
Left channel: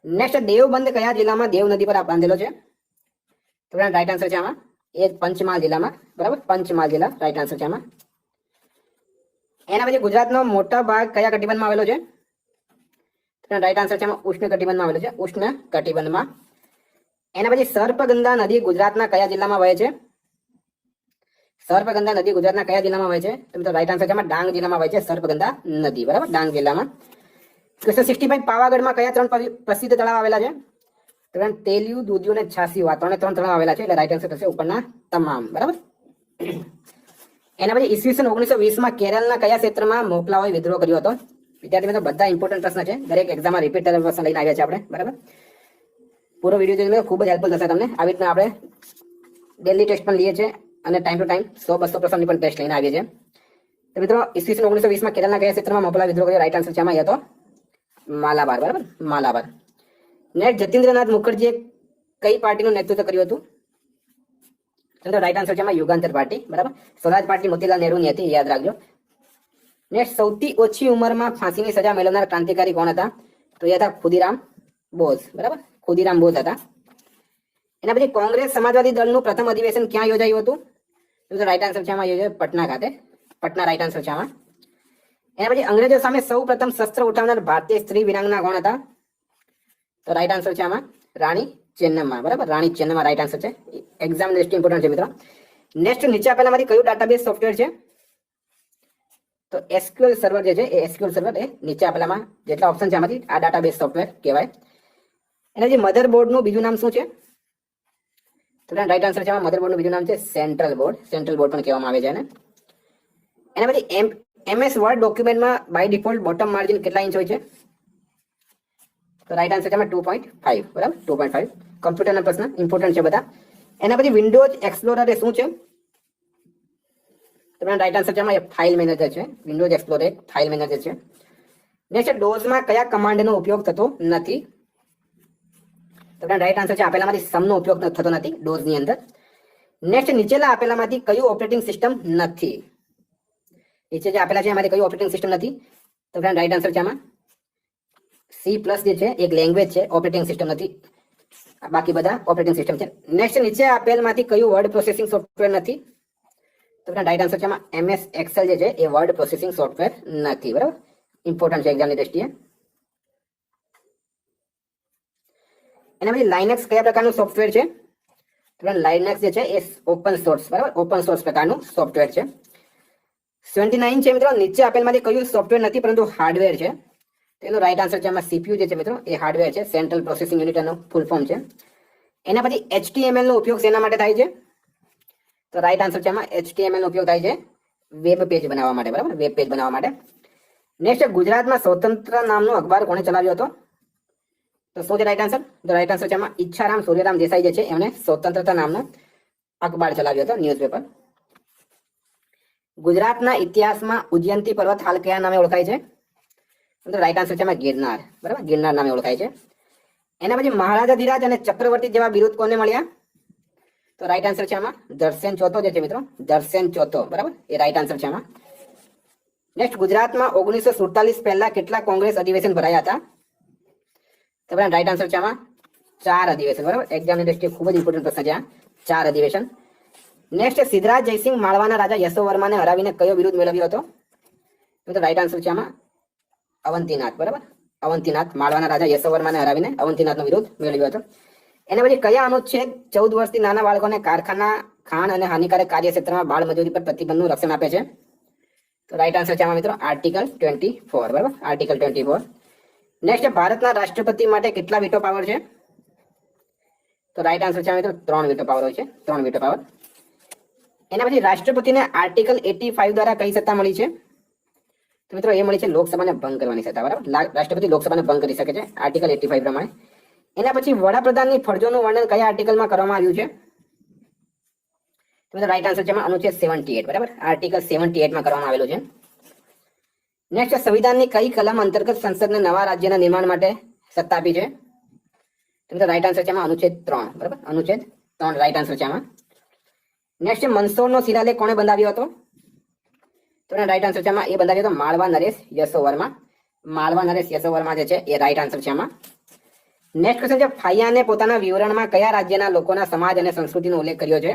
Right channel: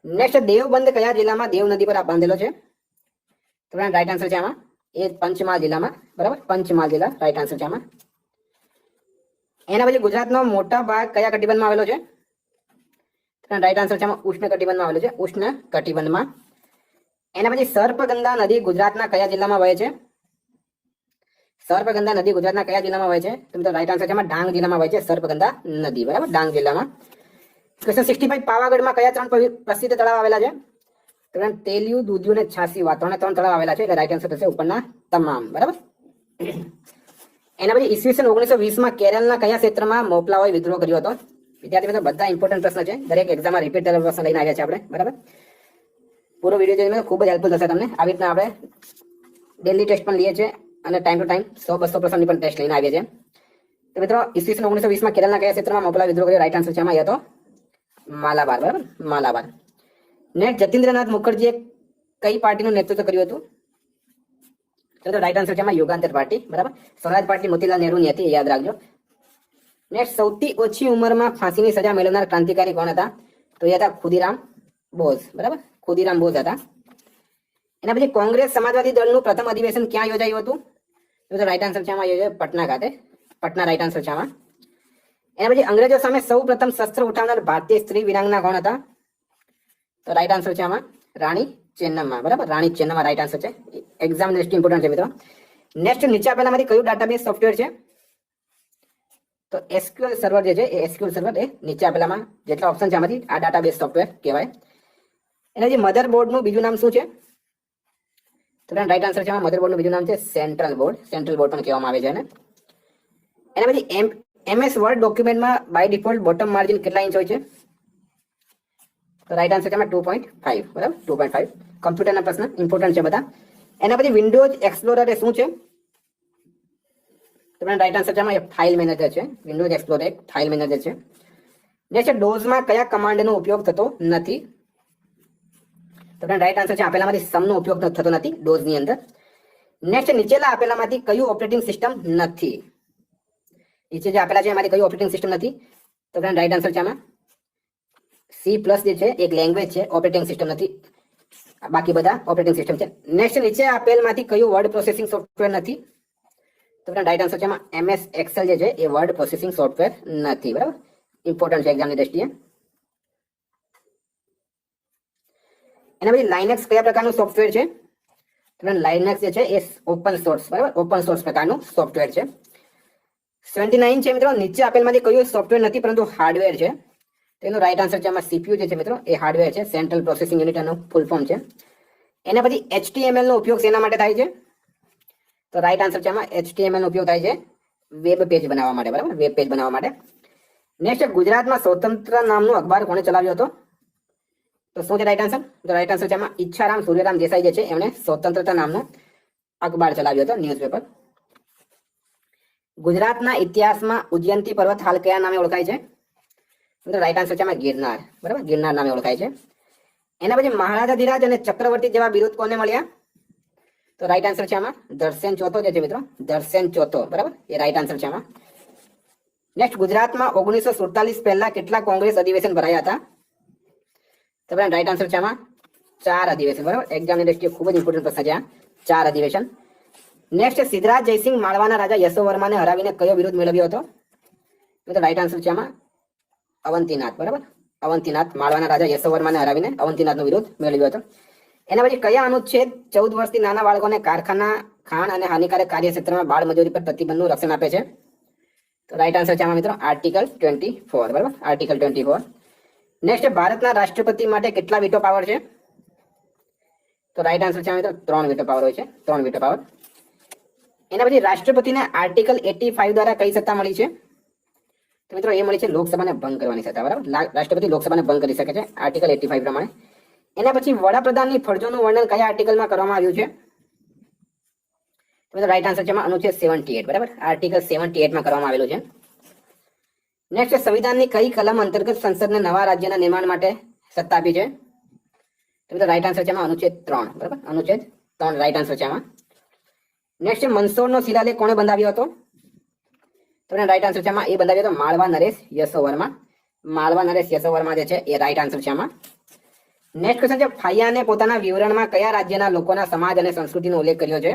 નેક્સ્ટ, દેવબંધ કયા જિલ્લામાં દેવ નદી પર બાંધેલો છે? તો રાઈટ આન્સર છે આમાં એ પંચમહાલ જિલ્લામાં, બરાબર. પંચમહાલ જિલ્લા રાઈટ આન્સર છે આમાં. એના પછી ગુજરાતનો મોટા ભાગ કયા કટિબંધમાં આવેલો છે? રાઈટ આન્સર છે આમાં ઉષ્ણ કટિબંધમાં આવેલો છે, ઉષ્ણ કટિબંધમાં. એના પછી સર્પગંગા નદી ગુજરાતના કયા જિલ્લામાં વહે છે? સર્પગંગા નદી ગુજરાતના કયા જિલ્લામાં વહે છે? તો મિત્રો રાઈટ આન્સર છે આમાં ડાંગ જિલ્લામાં વહે છે સર્પગંગા નદી, બરાબર. ડાંગ જિલ્લામાં. ક્વેશ્ચન 65, પાવાગઢમાં કયા 3 પ્રસિદ્ધ તળાવ આવેલા છે? તેલિયું, દૂધિયું અને છાસી વાત 3 તળાવ આવેલા છે, એટલે રાઈટ આન્સર થશે ઉપરના તમામ, બરાબર. એના પછી ઈસવીસન 1920 કેરળના કયા ક્ષેત્રમાં મોપલાઓએ વિદ્રોહ કર્યો હતો? વિદ્યાર્થી મિત્રો બધા ઇમ્પોર્ટન્ટ પ્રશ્ન છે, દરેક એક્ઝામમાં રિપીટ થયેલા પ્રશ્ન લઈને આવ્યા છે આપણે, બરાબર. પૂરો વિડીયો જોઈને ખૂબ જ હેલ્પફુલ થશે તમને. આવી રીતના આપણે ડેલી ટેસ્ટ પણ લઈએ છીએ અને ટાઈમ ટુ ટાઈમ 100-200 પ્રશ્નની પણ ટેસ્ટ લઈને આવ્યા છે. તો મિત્રો ઈસવીસન 1920 કેરળના કયા ક્ષેત્રમાં મોપલા વિદ્રોહ કર્યો? રાઈટ આન્સર છે આમાં તો માલાબાર, બરાબર. માલાબાર. નેક્સ્ટ, જતીન્દ્રનાથ મુખર્જીએ કઈ પાર્ટીનું નેતૃત્વ કર્યું હતું? તો રાઈટ આન્સર છે આમાં યુગાંતર પાર્ટી, બરાબર. સ્વરાજ પાર્ટી મોતીલાલ નહેરુની હતી, યાદ રાખજો. નેક્સ્ટ, સૌથી ઓછી ઉંમરમાં ફાંસીની સજા મેળવનાર ક્રાંતિકારી કોણ હતા? તો એ હતા ખુદીરામ બોઝ, બરાબર. ખુદીરામ બોઝ હતા. એના પછી કોંગ્રેસ સમાજવાદી દળનું પ્રથમ અધિવેશન ક્યાં યોજાયું હતું? તો રાઈટ આન્સર છે આમાં યોજાયું પટના ખાતે, પટના રાઈટ આન્સર છે આમાં. એના પછી અંગ્રેજો સામે સૌ પ્રથમ શસ્ત્ર ઉઠાવનાર ભારતીય સ્ત્રી વીરાંગના કોણ હતા? તો રાઈટ આન્સર છે આમાં રાણી ચેન્નમ્મા, બરાબર. રાણી ચેન્નમ્મા રાઈટ આન્સર છે. એક્ઝામ દૃષ્ટિ ઇમ્પોર્ટન્ટ છે મિત્રો. નેક્સ્ટ, નીચે આપેલામાંથી કયું ડેટાબેઝ સોફ્ટવેર છે? તો એસક્યુએલ સર્વર જે છે એ એસક્યુએલ સર્વર એ નીચે આપેલામાં જેટલા ઓપ્શન છે આમાંથી આ ડેટાબેઝ સોફ્ટવેર કહેવાય. એના જે મધરબોર્ડનું બીજું નામ શું છે? તો રાઈટ આન્સર છે આમાં મધરબોર્ડનું બીજું નામ છે સેન્ટ્રલ બોર્ડ. સેન્ટ્રલ બોર્ડ પણ કહેવામાં આવે છે એને. એના પછી એમએસ વર્ડ ડોક્યુમેન્ટમાં બાય ડિફોલ્ટ બોટમ માર્જિન કેટલા ઇંચ હોય છે? તો રાઈટ આન્સર છે આમાં 2.5, બરાબર. 2.5. કમ્પ્યુટરના પ્રશ્ન ઇમ્પોર્ટન્ટ છે બધા. એના પછી વિન્ડોઝ એક્સપ્લોરર એ શું છે? તો રાઈટ આન્સર છે આમાં ફાઇલ મેનેજર છે. વિન્ડોઝ એક્સપ્લોરર એક ફાઇલ મેનેજર છે. નેક્સ્ટ, ડોઝમાં કયા કમાન્ડનો ઉપયોગ થતો નથી? તો રાઈટ આન્સર છે આપેલામાંથી સમનો ઉપયોગ થતો નથી ડોઝની અંદર. નેક્સ્ટ, નીચેલા આપેલામાંથી કયું ઓપરેટિંગ સિસ્ટમ નથી? નીચે જે આપેલા છે એમાંથી કયું ઓપરેટિંગ સિસ્ટમ નથી? તો રાઈટ આન્સર છે આમાં C+ જે છે એક લેંગ્વેજ છે, ઓપરેટિંગ સિસ્ટમ નથી. બાકી બધા ઓપરેટિંગ સિસ્ટમ છે. નેક્સ્ટ, નીચે આપેલમાંથી કયું વર્ડ પ્રોસેસિંગ સોફ્ટવેર નથી? તો રાઈટ આન્સર છે આમાં MS એક્સેલ જે છે એ વર્ડ પ્રોસેસિંગ સોફ્ટવેર નથી, બરાબર. ઇમ્પોર્ટન્ટ છે એક્ઝામની દ્રષ્ટિએ. એના પછી લાઇનેક્સ કયા પ્રકારનું સોફ્ટવેર છે? તો લાઇનેક્સ જે છે એ ઓપન સોર્સ, બરાબર. ઓપન સોર્સ પ્રકારનું સોફ્ટવેર છે. 79 છે મિત્રો, નીચે આપેલમાંથી કયું સોફ્ટવેર નથી પરંતુ હાર્ડવેર છે? તેનો રાઈટ આન્સર છે આમાં CPU જે છે મિત્રો એ હાર્ડવેર છે, સેન્ટ્રલ પ્રોસેસિંગ યુનિટ એનું ફૂલ ફોર્મ છે. એના પછી HTML નો ઉપયોગ શેના માટે થાય છે? તો રાઈટ આન્સર છે આમાં HTML નો ઉપયોગ થાય છે વેબ પેજ બનાવવા માટે, બરાબર. વેબ પેજ બનાવવા માટે. નેક્સ્ટ, ગુજરાતમાં સ્વતંત્ર નામનો અખબાર કોણે ચલાવ્યો હતો? તો શું છે રાઈટ આન્સર? તો રાઈટ આન્સર છે આમાં ઈચ્છારામ સૂર્યરામ દેસાઈ જે છે એમણે સ્વતંત્રતા નામનો અખબાર ચલાવ્યો હતો, ન્યૂઝપેપર. ગુજરાતના ઇતિહાસમાં ઉજ્જૈનથી પર્વત હાલ કયા નામે ઓળખાય છે? તો રાઈટ આન્સર છે આમાં ગિરનાર. બરાબર, ગિરનાર નામે ઓળખાય છે. એના પછી મહારાજા ધીરાજ અને ચક્રવર્તી જેવા બિરુદ કોને મળ્યા? તો રાઈટ આન્સર છે આમાં દર્શન ચોથો જે છે મિત્રો, દર્શન ચોથો. બરાબર, એ રાઈટ આન્સર છે આમાં. નેક્સ્ટ, ગુજરાતમાં 1947 પહેલા કેટલા કોંગ્રેસ અધિવેશન ભરાયા હતા? તો રાઈટ આન્સર છે આમાં 4 અધિવેશન. બરાબર, એક્ઝામની દ્રષ્ટિએ ખૂબ જ ઇમ્પોર્ટન્ટ પ્રશ્ન છે આ, 4 અધિવેશન. નેક્સ્ટ, સિદ્ધરાજ જયસિંહ માળવાના રાજા યશોવર્માને હરાવીને કયો બિરુદ મેળવ્યો હતો? તો રાઈટ આન્સર છે આમાં અવંતીનાથ. બરાબર, અવંતીનાથ, માળવાના રાજા યશોવર્માને હરાવીને અવંતીનાથનો વિરોધ મેળવ્યો હતો. એના પછી કયા અનુચ્છેદ 14 વર્ષથી નાના બાળકોને કારખાના, ખાણ અને હાનિકારક કાર્યક્ષેત્રમાં બાળ મજૂરી પર પ્રતિબંધનું રક્ષણ આપે છે? તો રાઈટ આન્સર છે આમાં મિત્રો આર્ટિકલ 24. બરાબર, આર્ટિકલ 24. નેક્સ્ટ, ભારતના રાષ્ટ્રપતિ માટે કેટલા વીટો પાવર છે? તો રાઈટ આન્સર છે મિત્રો 3 વીટો પાવર હોય છે, 3 વીટો પાવર. એના પછી રાષ્ટ્રપતિને આર્ટિકલ 85 દ્વારા કઈ સત્તા મળી છે? તો મિત્રો એ મળી છે લોકસભાને ભંગ કરવાની સત્તા. બરાબર, રાષ્ટ્રપતિ લોકસભાને ભંગ કરી શકે છે આર્ટિકલ 85 પ્રમાણે. એના પછી વડાપ્રધાનની ફરજોનું વર્ણન કયા આર્ટિકલમાં કરવામાં આવ્યું છે? તો રાઈટ આન્સર છે અનુચ્છેદ 78. બરાબર, આર્ટિકલ 78 માં કરવામાં આવેલું છે. નેક્સ્ટ, સંવિધાનની કઈ કલમ અંતર્ગત સંસદને નવા રાજ્યના નિર્માણ માટે સત્તા આપી છે? તો રાઈટ આન્સર છે અનુચ્છેદ 3. બરાબર, અનુચ્છેદ 3 રાઈટ આન્સર છે આમાં. નેક્સ્ટ, મંદસોરનો શિલાલેખ કોણે બંધાવ્યો હતો? તો રાઈટ આન્સર છે આમાં એ બંધાવ્યો હતો માળવા નરેશ યશોવર્મા. માળવા નરેશ યશોવર્મા જે છે એ રાઈટ આન્સર છે આમાં. નેક્સ્ટ ક્વેશ્ચન છે, ફાયાને પોતાના વિવરણમાં કયા રાજ્યના લોકોના સમાજ અને સંસ્કૃતિનો ઉલ્લેખ કર્યો છે?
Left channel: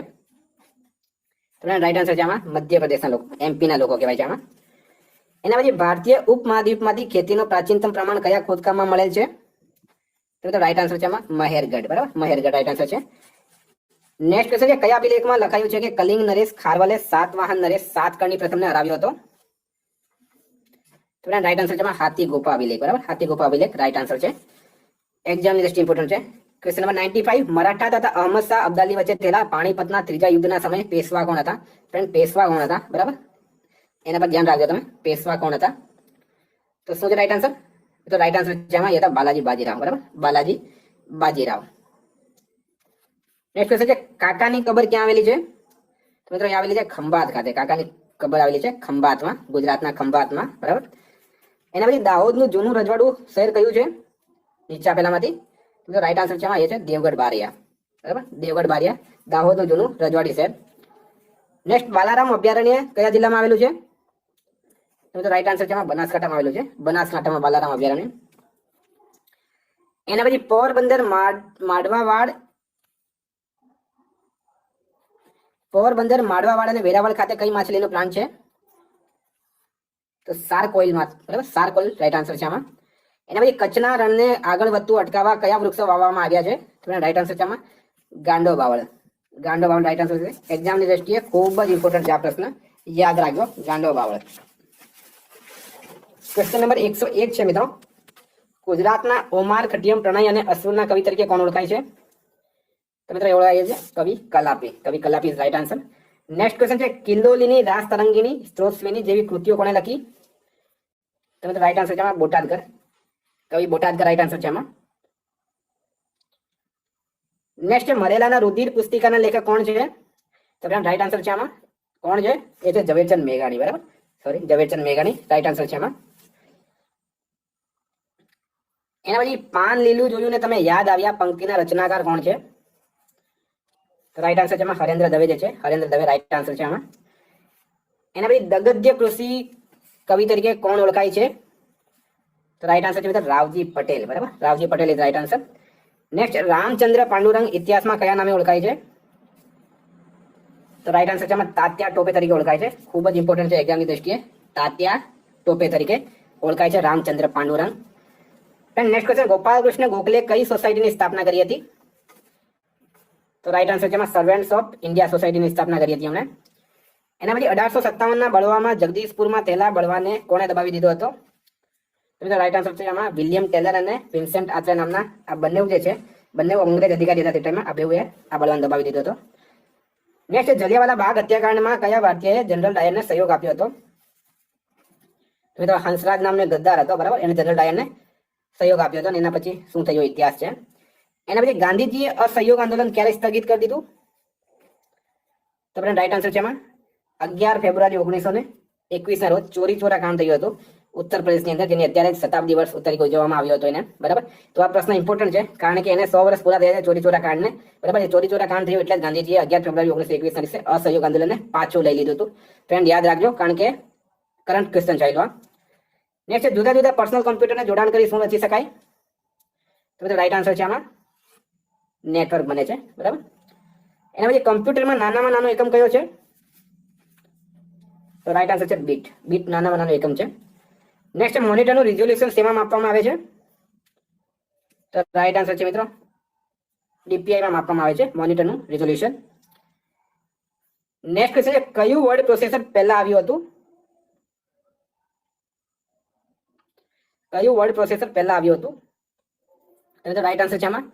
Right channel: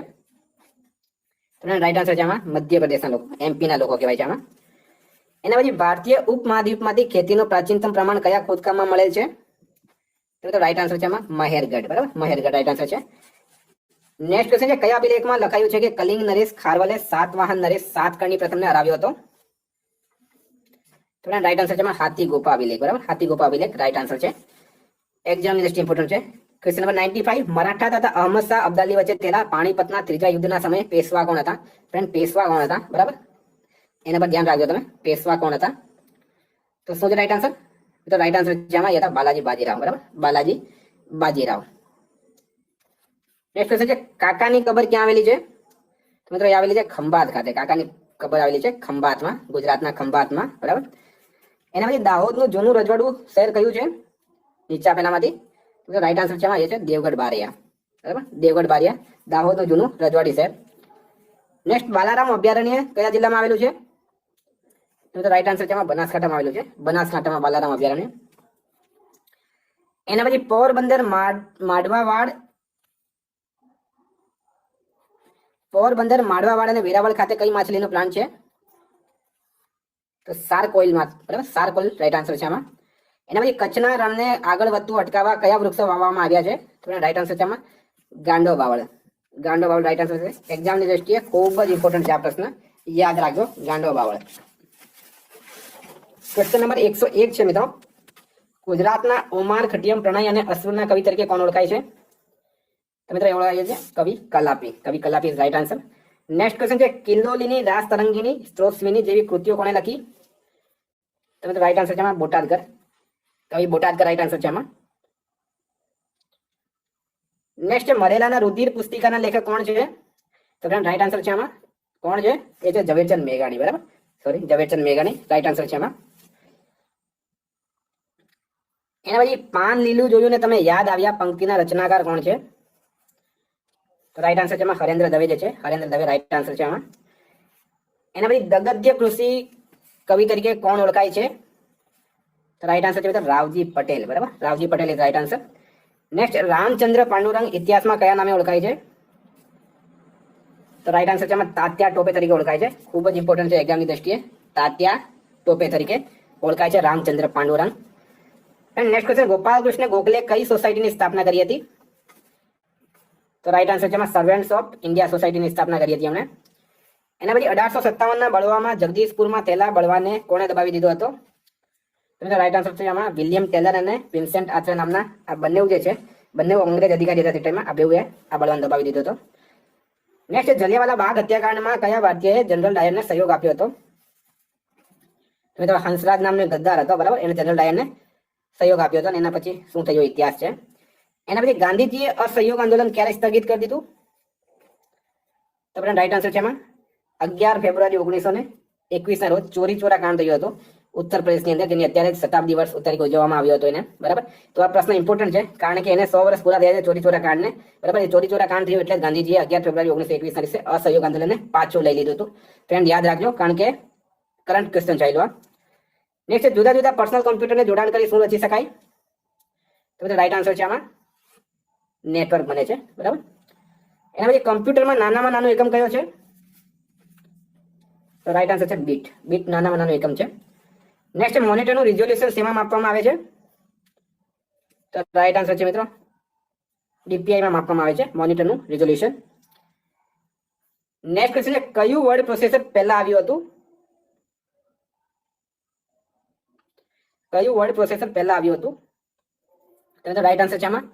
તો રાઈટ આન્સર છે આમાં મધ્યપ્રદેશના લોકો, એમપી ના લોકો કહેવાય છે આમાં. એના પછી ભારતીય ઉપમહાદ્વીપમાંથી ખેતીનો પ્રાચીનતમ પ્રમાણ કયા ખોદકામમાં મળેલ છે? તો રાઈટ આન્સર છે આમાં મહેરગઢ. બરાબર, મહેરગઢ રાઈટ આન્સર છે. નેક્સ્ટ ક્વેશ્ચન છે, કયા અભિલેખમાં લખાયું છે કે કલિંગ નરેશ ખારવલે સાતવાહન નરેશ સાતકર્ણી પ્રથમને હરાવ્યો હતો? તો રાઈટ આન્સર છે આમાં હાથી ગુફા અભિલેખ. બરાબર, હાથી ગુફા અભિલેખ રાઈટ આન્સર છે. એક્ઝામની દ્રષ્ટિએ ઇમ્પોર્ટન્ટ છે. ક્વેશ્ચન નંબર 95, મરાઠા તથા અહમદ શાહ અબ્દાલી વચ્ચે થયેલા પાણીપતના ત્રીજા યુદ્ધના સમયે પેશવા કોણ હતા? ફ્રેન્ડ, પેશવા કોણ હતા? બરાબર, એના પર ધ્યાન રાખજો તમે, પેશવા કોણ હતા? તો શું છે રાઈટ આન્સર? તો રાઈટ આન્સર છે આમાં હતા બાલાજી બાજીરાવ. બરાબર, બાલાજી બાજીરાવ. નેક્સ્ટ ક્વેશ્ચન છે, કાકાની કબર ક્યાં આવેલી છે? તો મિત્રો એ આવેલી છે ખંભાત ખાતે. કાકાની કબર આવેલી છે ખંભાતમાં, ગુજરાતના ખંભાતમાં. બરાબર, એના પછી દાહોદનું જૂનું રજવાડું શહેર કયું છે નીચે આપેલામાંથી? તો રાઈટ આન્સર છે આમાં એ છે દેવગઢ બારિયા. બરાબર, દેવગઢ બારિયા દાહોદનું જૂનું રજવાડી શહેર. નેક્સ્ટ, બાલારામ અભયારણ્ય કયા જિલ્લામાં આવેલું છે? તો રાઈટ આન્સર છે આમાં બનાસકાંઠામાં આવેલું છે, બનાસકાંઠામાં બાલારામ અભયારણ્ય. એના પછી પોરબંદર માડવાવાડ, પોરબંદર માડવાવાડ અને વેરાવળ ખાતે કઈ માછલીનો પ્લાન્ટ છે? તો સારકોઇલ માં. બરાબર, સારકોઇલ રાઈટ આન્સર છે આમાં. એના પછી કચ્છના રણને આગળ વધતું અટકાવવા કયા વૃક્ષો વાવવામાં આવ્યા છે? તો રાઈટ આન્સર છે આમાં ગાંડો બાવળ. ગાંડો બાવળ રાઈટ આન્સર છે. એક્ઝામની દ્રષ્ટિએ ખૂબ જ ઇમ્પોર્ટન્ટ છે આ પ્રશ્ન, યાદ રાખજો ગાંડો બાવળ. ક્વેશ્ચન નંબર 101 છે મિત્રો, ગુજરાતના ઓમાર ખટિયમ પ્રણય અને અસુરના કવિ તરીકે કોણ ઓળખાય છે? તો મિત્રો ઓળખાય છે કવિ કલાપી. કવિ Kalapi right answer. Next question છે, કિલ્લોલીની, રાસ તરંગીની, સ્ત્રોતસ્વીની જેવી કૃતિઓ કોણે લખી? તો મિત્રો રાઈટ આન્સર છે આમાં બોટાદકર. કવિ બોટાદકર રાઈટ આન્સર છે આમાં. નેક્સ્ટ, મરેલાના રુધિર પુસ્તિકાના લેખક કોણ છે? તો રાઈટ આન્સર છે આમાં કોણ છે? એ છે ઝવેરચંદ મેઘાણી. બરાબર, સોરી, ઝવેરચંદ મેઘાણી રાઈટ આન્સર છે આમાં. એના પછી પાન લીલું જોયું ને તમે યાદ આવ્યા પંક્તિના રચનાકાર કોણ છે? તો રાઈટ આન્સર છે આમાં હરેન્દ્ર દવે જે છે, હરેન્દ્ર દવે રાઈટ આન્સર છે આમાં. એના પછી ગદ્ય કૃષિ કવિ તરીકે કોણ ઓળખાય છે? તો રાઈટ આન્સર છે રાવજી પટેલ. બરાબર, Ravji Patel is right answer. Next, Ramchandra Pandurang ઇતિહાસમાં કયા નામે ઓળખાય છે? તો રાઈટ આન્સર છે આમાં તાત્યા ટોપે તરીકે ઓળખાય છે. ખૂબ જ ઇમ્પોર્ટન્ટ છે એક્ઝામની દ્રષ્ટિએ, તાત્યા ટોપે તરીકે ઓળખાય છે રામચંદ્ર પાંડુરંગ. નેક્સ્ટ ક્વેશ્ચન, ગોપાલકૃષ્ણ ગોખલે કઈ સોસાયટીની સ્થાપના કરી હતી? તો રાઈટ આન્સર છે એમાં સર્વેન્ટ્સ ઓફ ઇન્ડિયા સોસાયટીની સ્થાપના કરી હતી એમણે. એના પછી 1857ના બળવામાં જગદીશપુરમાં થયેલા બળવાને કોણે દબાવી દીધો હતો? તો રાઈટ આન્સર છે આમાં વિલિયમ ટેલર અને વિન્સેન્ટ આર્ચર નામના આ બંને જે છે, બંને અંગ્રેજ અધિકારી હતા તે ટાઈમમાં. આ બેઉએ આ બળવાને દબાવી દીધો હતો. નેક્સ્ટ, જલિયાવાલા બાગ હત્યાકાંડમાં કયા ભારતીયએ જનરલ ડાયરને સહયોગ આપ્યો હતો? મિત્રો હંસરાજ નામનો ગદ્દાર હતો. બરાબર, એને જનરલ ડાયરને સહયોગ આપ્યો હતો અને એના પછી શું થયો ઇતિહાસ છે. એના પછી ગાંધીજીએ અસહયોગ આંદોલન ક્યારે સ્થગિત કરી દીધું? તો રાઈટ આન્સર છે એમાં 11 ફેબ્રુઆરી 1921 ના રોજ ચોરી ચોરા કાંડ થયું હતું ઉત્તર પ્રદેશની અંદર, જેની અત્યારે શતાબ્દી વર્ષ તરીકે ઉજવવામાં આવ્યો હતો એને. બરાબર, તો આ પ્રશ્ન ઇમ્પોર્ટન્ટ છે કારણ કે એને 100 વર્ષ પૂરા થયા છે ચોરી ચોરા કાંડને. બરાબર, એ ચોરી ચોરા કાંડ થયું એટલે ગાંધીજીએ 11 ફેબ્રુઆરી 1921 ના દિવસે અસહયોગ આંદોલનને પાછું લઈ લીધું હતું. ફ્રેન્ડ યાદ રાખજો કારણ કે કરંટ ક્વેશ્ચન ચાલ્યો. નેક્સ્ટ, જુદા જુદા પર્સનલ કોમ્પ્યુટરને જોડાણ કરી શું રચી શકાય? તો રાઈટ આન્સર છે આમાં નેટવર્ક બને છે. બરાબર, એના પછી કોમ્પ્યુટરમાં નાનામાં નાનો એકમ કયો છે? તો રાઈટ આન્સર છે બીટ. બીટ નાનામાં નાનો એકમ છે. નેક્સ્ટ, મોનિટરનું રિઝોલ્યુશન શેમાં માપવામાં આવે છે? તો રાઈટ આન્સર છે મિત્રો DPI માં માપવામાં આવે છે મોનિટરનું રિઝોલ્યુશન. નેક્સ્ટ છે કયું વર્ડ પ્રોસેસર પહેલા આવ્યું હતું? કયું વર્ડ પ્રોસેસર પહેલા આવ્યું હતું? તો રાઈટ આન્સર છે આમાં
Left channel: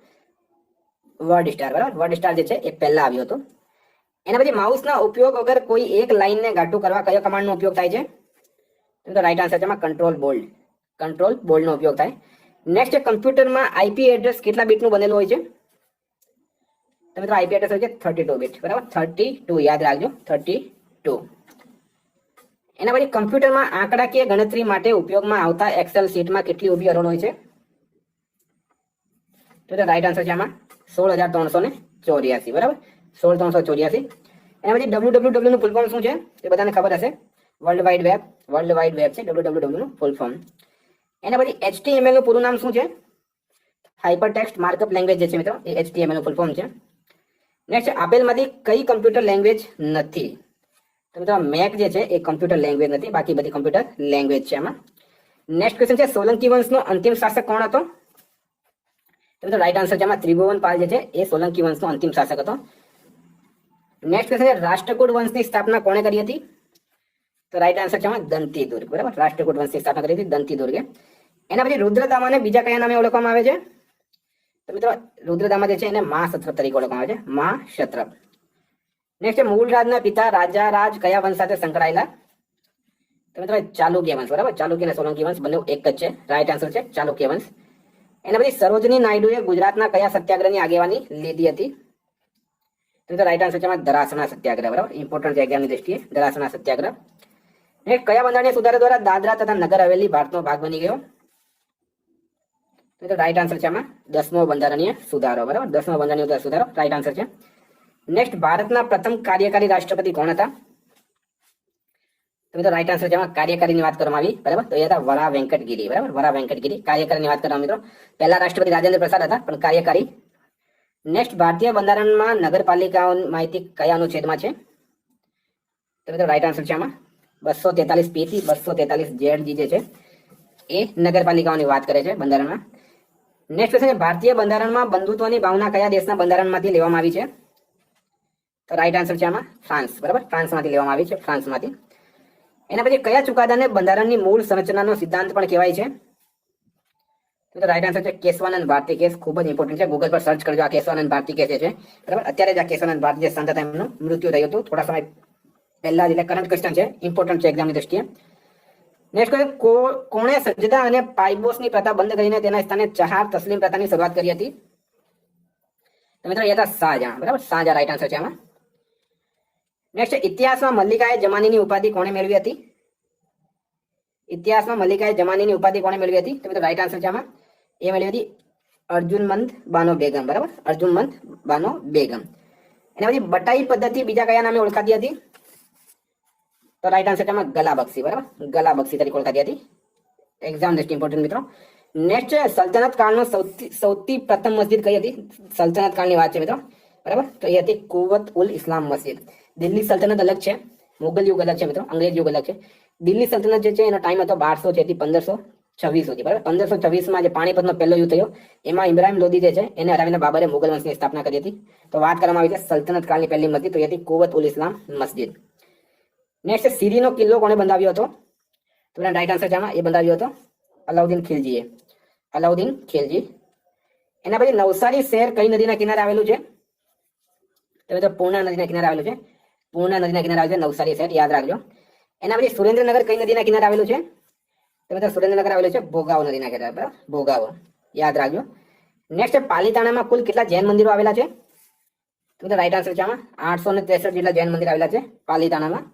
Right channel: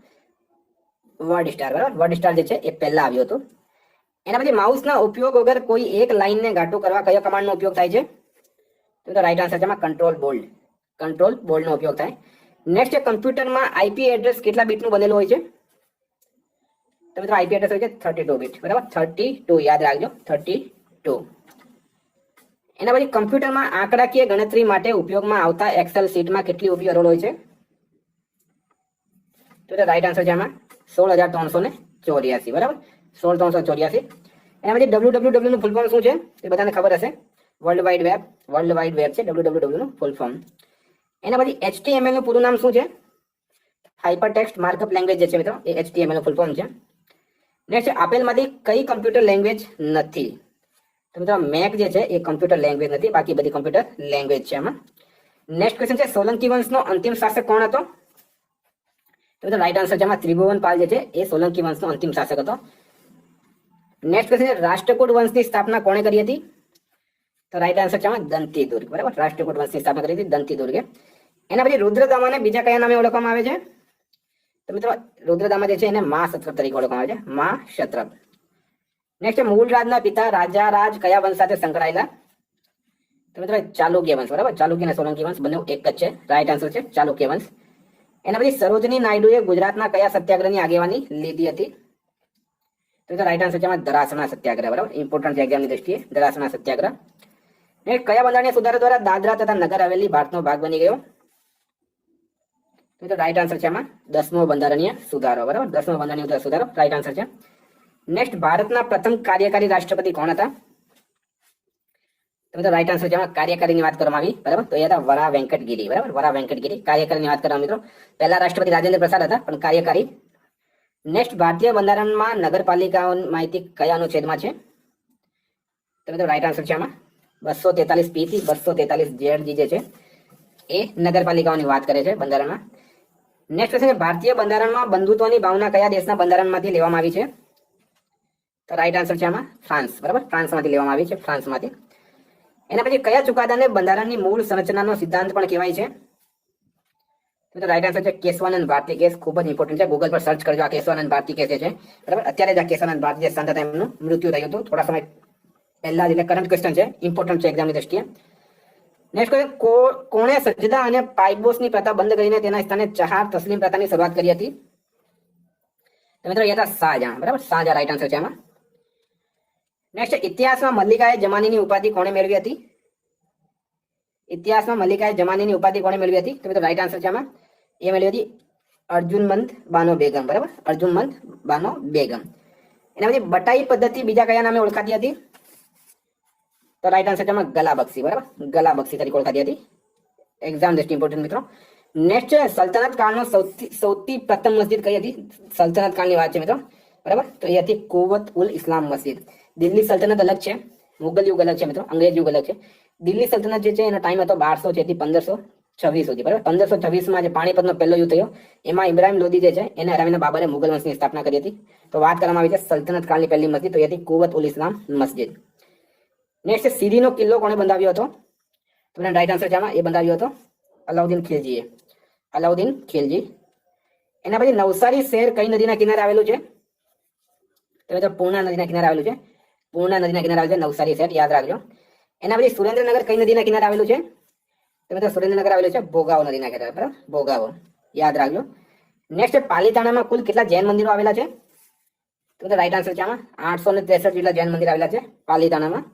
વર્ડ સ્ટાર. બરાબર, વર્ડ સ્ટાર જે છે એ પહેલા આવ્યું હતું. એના પછી માઉસના ઉપયોગ વગર કોઈ એક લાઈનને ઘાટું કરવા કયા કમાન્ડનો ઉપયોગ થાય છે? તો રાઈટ આન્સર છે આમાં કંટ્રોલ બોલ્ડ. કંટ્રોલ બોલ્ડનો ઉપયોગ થાય. નેક્સ્ટ, કમ્પ્યુટરમાં IP એડ્રેસ કેટલા બીટનું બનેલું હોય છે? તો મિત્રો IP એડ્રેસ હોય છે 32 બીટ. બરાબર, 32 યાદ રાખજો 32. એના પછી કમ્પ્યુટરમાં આંકડાકીય ગણતરી માટે ઉપયોગમાં આવતા એક્સેલ શીટમાં કેટલી ઊભી હરોળ હોય છે? તો રાઈટ આન્સર છે આમાં 16384. બરાબર, 16384. એના પછી www નું ફૂલ ફોર્મ શું છે? તે બધાને ખબર હશે. World wide web. World wide web છે www નું ફૂલ ફોર્મ. એના પછી HTML નું પૂરું નામ શું છે? હાઇપર ટેક્સ્ટ માર્કઅપ લેંગ્વેજ જે છે મિત્રો એ HTML નું ફૂલ ફોર્મ છે. નેક્સ્ટ, આપેલમાંથી કઈ કમ્પ્યુટર લેંગ્વેજ નથી? તો મિત્રો મેક જે છે એ કમ્પ્યુટર લેંગ્વેજ નથી, બાકી બધી કમ્પ્યુટર લેંગ્વેજ છે આમાં. નેક્સ્ટ ક્વેશ્ચન છે સોલંકી વંશનો અંતિમ શાસક કોણ હતો? તો મિત્રો રાઈટ આન્સર છે આમાં ત્રિભુવન પાલ જે છે એ સોલંકી વંશનો અંતિમ શાસક હતો. નેક્સ્ટ ક્વેશ્ચન છે રાષ્ટ્રકૂટ વંશની સ્થાપના કોણે કરી હતી? તો રાઈટ આન્સર છે આમાં દંતી દુર્ગ. બરાબર, રાષ્ટ્રકૂટ વંશની સ્થાપના કરી હતી દંતી દુર્ગે. એના પછી રુદ્રદામાને બીજા કયા નામે ઓળખવામાં આવે છે? તો મિત્રો રુદ્રદામા જે છે એને મહાક્ષત્રપ તરીકે ઓળખવામાં આવે છે, મહાક્ષત્રપ. નેક્સ્ટ, મૂળરાજના પિતા રાજા રાજ કયા વંશ સાથે સંકળાયેલા? તો મિત્રો ચાલુક્ય વંશ. બરાબર, ચાલુક્ય અને સોલંકી વંશ બંને એક જ છે. રાઈટ આન્સર છે ચાલુક્ય વંશ. એના પછી સરોજની નાયડુએ ગુજરાતના કયા સત્યાગ્રહની આગેવાની લીધી હતી? તો રાઈટ આન્સર છે દરાસણા સત્યાગ્રહ. બરાબર, ઇમ્પોર્ટન્ટ છે એક્ઝામની દ્રષ્ટિએ દરાસણા સત્યાગ્રહ. કયા બંધારણીય સુધારા દ્વારા દાદરા તથા નગર હવેલી ભારતનો ભાગ બની ગયો? તો રાઈટ આન્સર છે આમાં 10મો બંધારણીય સુધારો. બરાબર, 10મો બંધારણીય સુધારો રાઈટ આન્સર છે. નેક્સ્ટ, ભારતના પ્રથમ કાર્યકારી રાષ્ટ્રપતિ કોણ હતા? તો મિત્રો રાઈટ આન્સર છે આમાં કાર્યકારીની વાત કરવામાં આવી. બરાબર, તો એ હતા વરા વેંકટગીરી. બરાબર, વરા વેંકટગીરી. કાર્યકારીની વાત કરવામાં મિત્રો પહેલા રાષ્ટ્રપતિ રાજેન્દ્ર પ્રસાદ હતા, પણ કાર્યકારી. નેક્સ્ટ, ભારતીય બંધારણમાં નગરપાલિકાઓની માહિતી કયા અનુચ્છેદમાં છે? તો મિત્રો રાઈટ આન્સર છે આમાં 243 P થી 243 ZG જે છે એ નગરપાલિકાઓની વાત કરે છે બંધારણમાં. નેક્સ્ટ છે ભારતીય બંધારણમાં બંધુત્વની ભાવના કયા દેશના બંધારણમાંથી લેવામાં આવી છે? તો રાઈટ આન્સર છે આમાં ફ્રાન્સ. બરાબર, ફ્રાન્સમાંથી લેવામાં આવી છે, ફ્રાન્સમાંથી. એના પછી કયા ચુકાદાને બંધારણની મૂળ સંરચનાનો સિદ્ધાંત પણ કહેવાય છે? તો રાઈટ આન્સર છે કેશવાનંદ ભારતી કેસ. ખૂબ જ ઇમ્પોર્ટન્ટ છે, ગૂગલ પર સર્ચ કરજો આ કેશવાનંદ ભારતી કેસ છે. બરાબર, અત્યારે જ આ કેશવાનંદ ભારતી સંત હતા એમનું મૃત્યુ થયું હતું થોડા સમય પહેલા, એટલે કરંટ ક્વેશ્ચન છે, ઇમ્પોર્ટન્ટ છે એક્ઝામની દ્રષ્ટિએ. નેક્સ્ટ, કોણે સજદા અને પાઇબોસની પ્રથા બંધ કરીને તેના સ્થાને ચહાર તસ્લીમ પ્રથાની શરૂઆત કરી હતી? તો મિત્રો એ હતા શાહજહાં. બરાબર, શાહજહાં રાઈટ આન્સર છે આમાં. નેક્સ્ટ, ઇતિહાસમાં મલ્લિકાએ જમાનીની ઉપાધિ કોણે મેળવી હતી? ઇતિહાસમાં મલ્લિકાએ જમાનીની ઉપાધિ કોણે મેળવી હતી? તો મિત્રો રાઈટ આન્સર છે આમાં એ મેળવી હતી અર્જુનમંદ બાનો બેગમ. બરાબર, અર્જુનમંદ બાનો બેગમ. એના પછી બટાઈ પદ્ધતિ બીજા કયા નામે ઓળખાતી હતી? તો રાઈટ આન્સર છે આમાં ગલાબક્ષી. બરાબર, ગલાબક્ષી તરીકે ઓળખાતી હતી. એક્ઝામ દ્રષ્ટિ ઇમ્પોર્ટન્ટ મિત્રો. નેક્સ્ટ, સલ્તનત કાળનો સૌથી પ્રથમ મસ્જિદ કઈ હતી? સલ્તનત કાળની વાત છે મિત્રો. બરાબર, તો એ હતી કુવત ઉલ ઇસ્લામ મસ્જિદ. દિલ્હી સલ્તનત અલગ છે, મુગલ યુગ અલગ છે મિત્રો, અંગ્રેજ યુગ અલગ છે. દિલ્હી સલ્તનત જે છે એનો ટાઈમ હતો 1200 થી 1526 સુધી. બરાબર, 1526માં જે પાણીપતનો પહેલો યુદ્ધ થયો એમાં ઇબ્રાહિમ લોદી જે છે એને હરાવીને બાબરે મુગલ વંશની સ્થાપના કરી હતી. તો વાત કરવામાં આવી છે સલ્તનત કાળની પહેલી મસ્જિદ, તો એ હતી કુવત ઉલ ઇસ્લામ મસ્જિદ. નેક્સ્ટ, સીરીનો કિલ્લો કોણે બંધાવ્યો હતો? તો રાઈટ આન્સર છે આમાં એ બંધાવ્યો હતો અલાઉદ્દીન ખિલજીએ. અલાઉદ્દીન ખિલજી. એના પછી નવસારી શહેર કઈ નદીના કિનારે આવેલું છે? તો મિત્રો પૂર્ણા નદીના કિનારે આવેલું છે. પૂર્ણા નદીના કિનારે આવેલું છે નવસારી શહેર, યાદ રાખજો. એના પછી સુરેન્દ્રનગર કઈ નદીના કિનારે આવેલું છે? તો તો મિત્રો સુરેન્દ્રનગર આવેલું છે ભોગાવો નદીના કિનારે, બરાબર, ભોગાવો યાદ રાખજો. નેક્સ્ટ પાલીતાણામાં કુલ કેટલા જૈન મંદિરો આવેલા છે? તો મિત્રો રાઈટ આન્સર છે આમાં 863 જેટલા જૈન મંદિર આવેલા છે પાલીતાણામાં.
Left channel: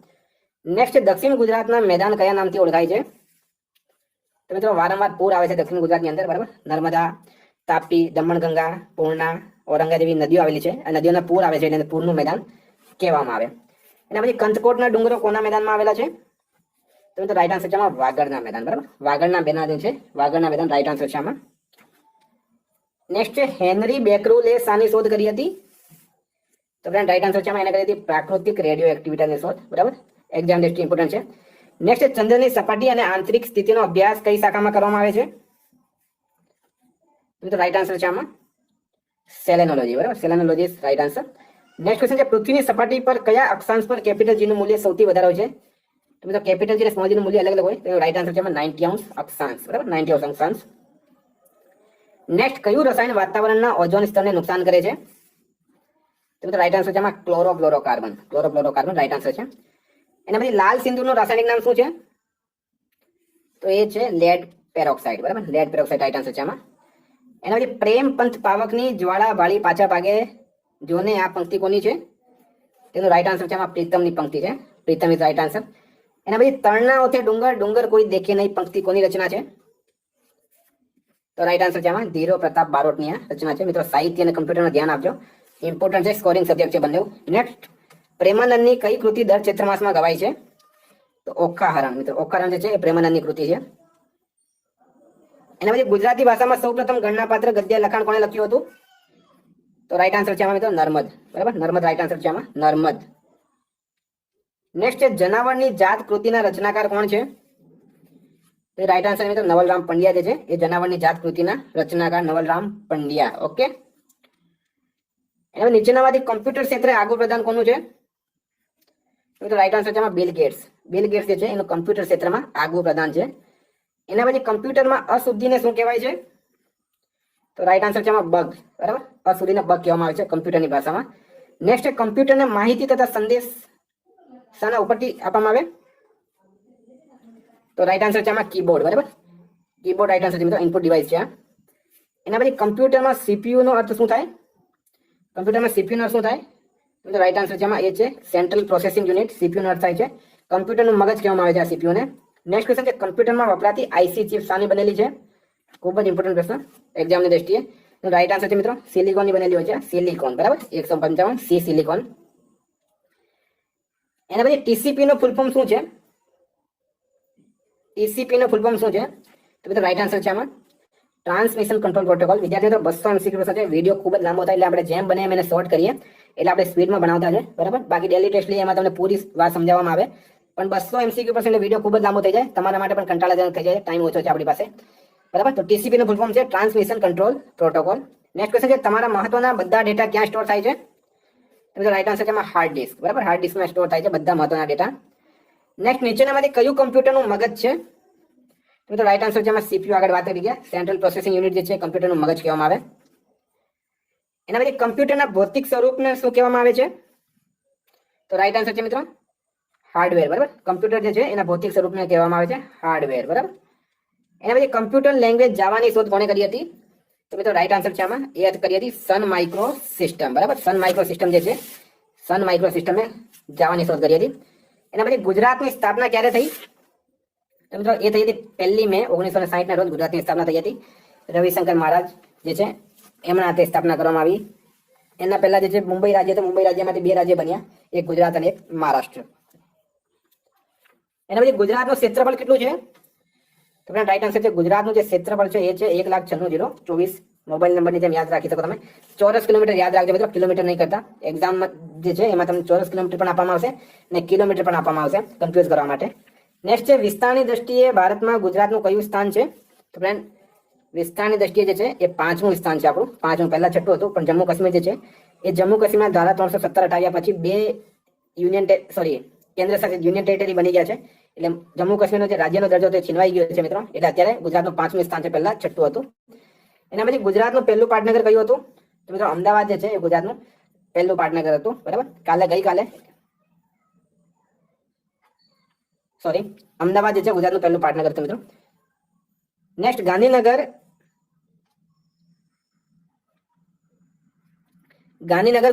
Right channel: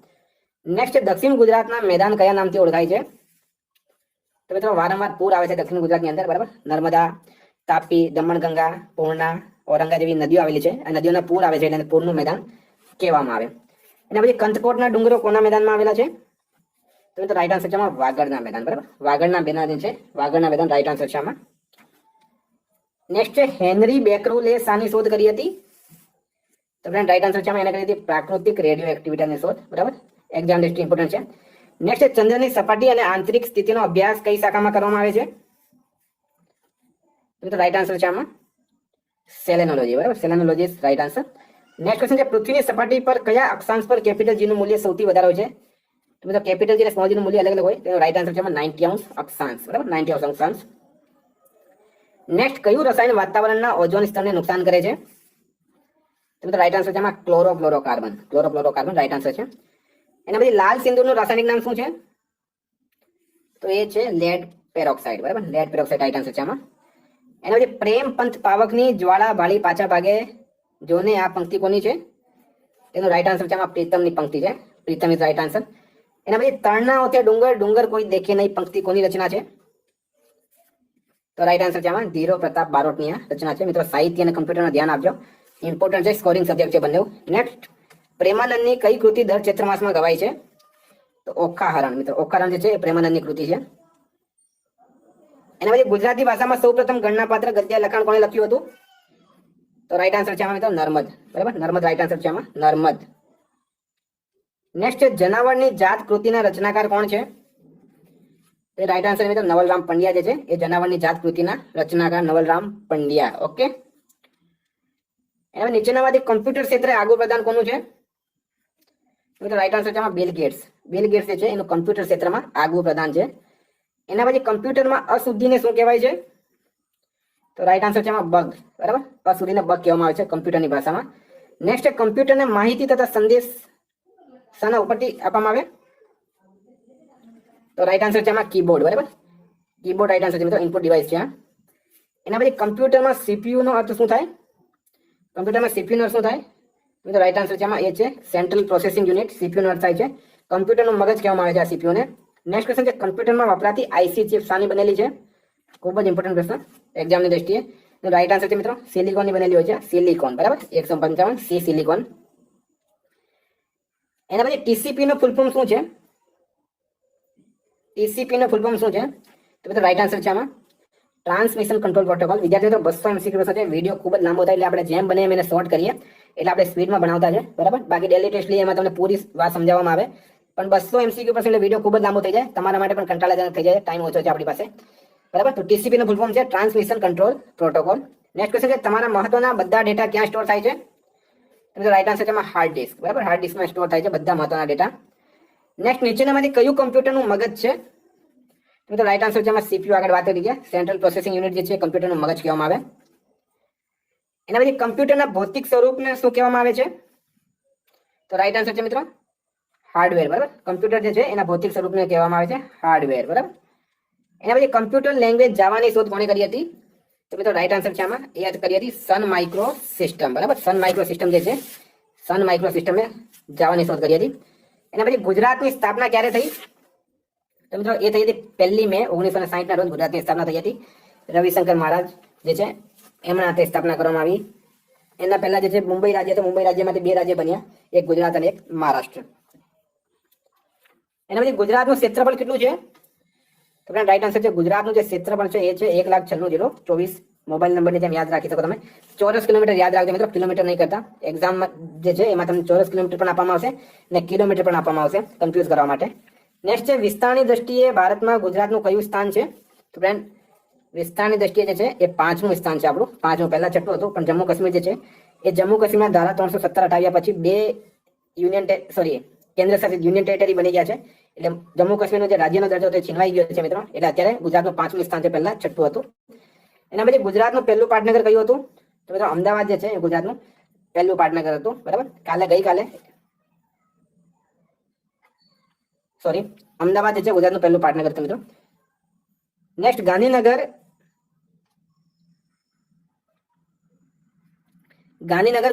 નેક્સ્ટ દક્ષિણ ગુજરાતના મેદાન કયા નામથી ઓળખાય છે? તો મિત્રો વારંવાર પૂર આવે છે દક્ષિણ ગુજરાતની અંદર, બરાબર. નર્મદા, તાપી, દમણગંગા, પૂર્ણા, ઔરંગા જેવી નદીઓ આવેલી છે. આ નદીઓના પૂર આવે છે એટલે પૂરનું મેદાન કહેવામાં આવે. એના પછી કંથકોટના ડુંગરો કોના મેદાનમાં આવેલા છે? તો મિત્રો રાઈટ આન્સર છે આમાં વાગડના મેદાન, બરાબર. વાગડના મેદાન છે, વાગડના મેદાન રાઈટ આન્સર છે આમાં. નેક્સ્ટ હેનરી બેકરુલે શાની શોધ કરી હતી? તો ફ્રેન્ડ રાઈટ આન્સર છે આમાં એને કરી હતી પ્રાકૃતિક રેડિયો એક્ટિવિટીની શોધ, બરાબર. એક્ઝામ લિસ્ટ ઇમ્પોર્ટન્ટ છે. નેક્સ્ટ ચંદ્રની સપાટી અને આંતરિક સ્થિતિનો અભ્યાસ કઈ શાખામાં કરવામાં આવે છે? તો રાઈટ આન્સર છે આમાં સેલેનોલોજી, બરાબર. Selenology is right answer. Next question છે પૃથ્વીની સપાટી પર કયા અક્ષાંશ પર કેપિટલ જી નું મૂલ્ય સૌથી વધારે હોય છે? તો મિત્રો કેપિટલ જી અને સ્મોલ જી નું મૂલ્ય અલગ અલગ હોય. તો રાઈટ આન્સર છે આમાં 90 અક્ષાંશ, બરાબર, 90 અક્ષાંશ. નેક્સ્ટ કયું રસાયણ વાતાવરણના ઓઝોન સ્તરને નુકસાન કરે છે? તો મિત્રો રાઈટ આન્સર છે આમાં ક્લોરોફ્લોરોકાર્બન, ક્લોરોફ્લોરોકાર્બન રાઈટ આન્સર છે. એના પછી લાલ સિંદૂરનું રાસાયણિક નામ શું છે? તો એ છે લેડ પેરોક્સાઇડ, બરાબર, લેડ પેરોક્સાઇડ રાઈટ આન્સર છે આમાં. એના પછી પ્રેમ પંથ પાવકની જ્વાળા વાળી પાછળ ભાગે જોને આ પંક્તિ કોની છે? તેનું રાઈટ આન્સર છે આમાં પ્રીતમની પંક્તિ છે, પ્રીતમ ઇઝ રાઈટ આન્સર. એના પછી તળના ઓથે ડુંગર ડુંગર કોઈ દેખે નહીં પંક્તિ કોની રચના છે? તો રાઈટ આન્સર છે આમાં ધીરો પ્રતાપ બારોટની આ રચના છે. મિત્રો સાહિત્ય અને કમ્પ્યુટરનું ધ્યાન આપજો, ઇમ્પોર્ટન્ટ છે, સ્કોરિંગ સબ્જેક્ટ છે બંને. નેક્સ્ટ પ્રેમાનંદની કઈ કૃતિ દર ચૈત્ર માસમાં ગવાય છે? તો ઓખાહરણ, મિત્રો ઓખાહરણ જે છે એ પ્રેમાનંદની કૃતિ છે. એના પછી ગુજરાતી ભાષામાં સૌપ્રથમ ગણનાપાત્ર ગદ્ય લખાણ કોણે લખ્યું હતું? તો રાઈટ આન્સર છે આમાં મિત્રો નર્મદ, બરાબર, નર્મદ રાઈટ આન્સર છે આમાં નર્મદ. નેક્સ્ટ જનાવરની જાત કૃતિના રચનાકાર કોણ છે? તો રાઈટ આન્સર મિત્રો નવલરામ પંડ્યા જે છે એ જનાવરની જાત કૃતિના રચનાકાર નવલરામ પંડ્યા. ઓકે. એના નીચેનામાંથી કમ્પ્યુટર ક્ષેત્રે આગવું પ્રદાન કોનું છે? તો રાઈટ આન્સર છે આમાં બિલ ગેટ્સ. બિલ ગેટ્સ જે છે એનું કમ્પ્યુટર ક્ષેત્રમાં આગવું પ્રદાન છે. એના પછી કમ્પ્યુટરમાં અશુદ્ધિને શું કહેવાય છે? તો રાઈટ આન્સર છે આમાં બગ, બરાબર, અશુદ્ધિને બગ કહેવામાં આવે છે કમ્પ્યુટરની ભાષામાં. નેક્સ્ટ કમ્પ્યુટરને માહિતી તથા સંદેશ શાના ઉપરથી આપવામાં આવે? તો રાઈટ આન્સર છે આમાં કીબોર્ડ, બરાબર, કીબોર્ડ રાઈટ આન્સર છે મિત્રો, ઇનપુટ ડિવાઇસ છે. એના પછી કમ્પ્યુટરમાં સીપીયુ નો અર્થ શું થાય? કમ્પ્યુટરમાં સીપીયુ નો અર્થ શું થાય? તો રાઈટ આન્સર છે આમાં એ છે સેન્ટ્રલ પ્રોસેસિંગ યુનિટ, સીપીયુ નો અર્થ થાય છે કમ્પ્યુટરનું મગજ કહેવામાં આવે છે આ સીપીયુ ને. નેક્સ્ટ ક્વેશ્ચન છે કમ્પ્યુટરમાં વપરાતી આઈસી ચિપ શાની બનેલી છે? ખૂબ જ ઇમ્પોર્ટન્ટ પ્રશ્ન એક્ઝામની દ્રષ્ટિએ. તો રાઈટ આન્સર છે મિત્રો સિલિકોનની બનેલી હોય છે, સિલિકોન, બરાબર, 155 સી સિલિકોન. એના પછી ટીસીપી નો ફૂલ ફોર્મ શું છે? ટીસીપી નો ફૂલ ફોર્મ શું છે? તો મિત્રો રાઈટ આન્સર છે આમાં ટ્રાન્સમિશન કંટ્રોલ પ્રોટોકોલ. વિદ્યાર્થીઓ 200 MCQ પ્રશ્ન છે, વિડીયો ખૂબ જ લાંબો થાય એટલે આપણે જેમ બને એમ એને શોર્ટ કરીએ, એટલે આપણે સ્પીડમાં બનાવતા છે, બરાબર. બાકી ડેલી ટેસ્ટ લઈએ એમાં તમને પૂરી વાત સમજાવવામાં આવે, પણ 200 MCQ પ્રશ્ન એટલે વિડીયો ખૂબ જ લાંબો થઈ જાય, તમારા માટે પણ કંટાળાજનક થઈ જાય, ટાઈમ ઓછો છે આપણી પાસે, બરાબર. તો ટીસીપી નો ફૂલ ફોર્મ છે transmission control protocol. Next question છે તમારા મહત્વના બધા ડેટા ક્યાં સ્ટોર થાય છે? તો રાઈટ આન્સર છે એમાં હાર્ડ ડિસ્ક, બરાબર, હાર્ડ ડિસ્કમાં સ્ટોર થાય છે બધા મહત્વના ડેટા. નેક્સ્ટ નીચેનામાંથી કયું કમ્પ્યુટરનું મગજ છે? તો રાઈટ આન્સર છે એમાં સીપીયુ આગળ વાત કરી ગયા, સેન્ટ્રલ પ્રોસેસિંગ યુનિટ જે છે કમ્પ્યુટરનું મગજ કહેવામાં આવે. એના પછી કમ્પ્યુટરના ભૌતિક સ્વરૂપને શું કહેવામાં આવે છે? તો રાઈટ આન્સર છે મિત્રો હાર્ડવેર, બરાબર. કમ્પ્યુટર જે છે એના ભૌતિક સ્વરૂપને કહેવામાં આવે છે હાર્ડવેર, બરાબર. એના પછી કમ્પ્યુટર લેંગ્વેજ જાવાની શોધ કોણે કરી હતી? તો મિત્રો રાઈટ આન્સર છે આમાં એ કરી હતી સન માઇક્રો સિસ્ટમ, બરાબર. સન માઇક્રો સિસ્ટમ જે છે, સન માઇક્રો સિસ્ટમે જાવાની શોધ કરી હતી. એના પછી ગુજરાતની સ્થાપના ક્યારે થઈ? તો મિત્રો એ થઈ હતી 1 મે 1960 ના રોજ ગુજરાતની સ્થાપના થઈ હતી. રવિશંકર મહારાજ જે છે એમના હાથે સ્થાપના કરવામાં આવી. એના પહેલા જે છે મુંબઈ રાજ્ય, તો મુંબઈ રાજ્યમાંથી 2 રાજ્ય બન્યા, એક ગુજરાત અને એક મહારાષ્ટ્ર. એના પછી ગુજરાતનું ક્ષેત્રફળ કેટલું છે? તો રાઈટ આન્સર છે ગુજરાતનું જે ક્ષેત્રફળ છે એ છે 1,96,024. મોબાઈલ નંબરની જેમ યાદ રાખી શકો તમે. ચોરસ કિલોમીટર યાદ રાખજો મિત્રો, કિલોમીટર નહીં કરતા. એક્ઝામમાં જે છે એમાં તમને ચોરસ કિલોમીટર પણ આપવામાં આવશે અને કિલોમીટર પણ આપવામાં આવશે કન્ફ્યુઝ કરવા માટે. નેક્સ્ટ છે વિસ્તારની દ્રષ્ટિએ ભારતમાં ગુજરાતનું કયું સ્થાન છે? તો ફ્રેન્ડ વિસ્તારની દ્રષ્ટિએ જે છે એ 5મું સ્થાન છે આપણું, 5મું, પહેલા 6ઠું હતું, પણ જમ્મુ કાશ્મીર જે છે એ જમ્મુ કાશ્મીરના ધારા 317 હટાવ્યા પછી 2 કેન્દ્ર શાસિત યુનિયન ટેરિટરી બની ગયા છે, એટલે જમ્મુ કાશ્મીરનો જે રાજ્યનો દરજ્જો હતો છીનવાઈ ગયો છે મિત્રો, એટલે અત્યારે ગુજરાતનું 5મું સ્થાન છે, પહેલા 6ઠું હતું. એના પછી ગુજરાતનું પહેલું પાટનગર કયું હતું? તો મિત્રો અમદાવાદ જે છે એ ગુજરાતનું પહેલું પાટનગર હતું, બરાબર. અમદાવાદ જે છે ગુજરાતનું પહેલું પાટનગર હતું મિત્રો. નેક્સ્ટ ગાંધીનગર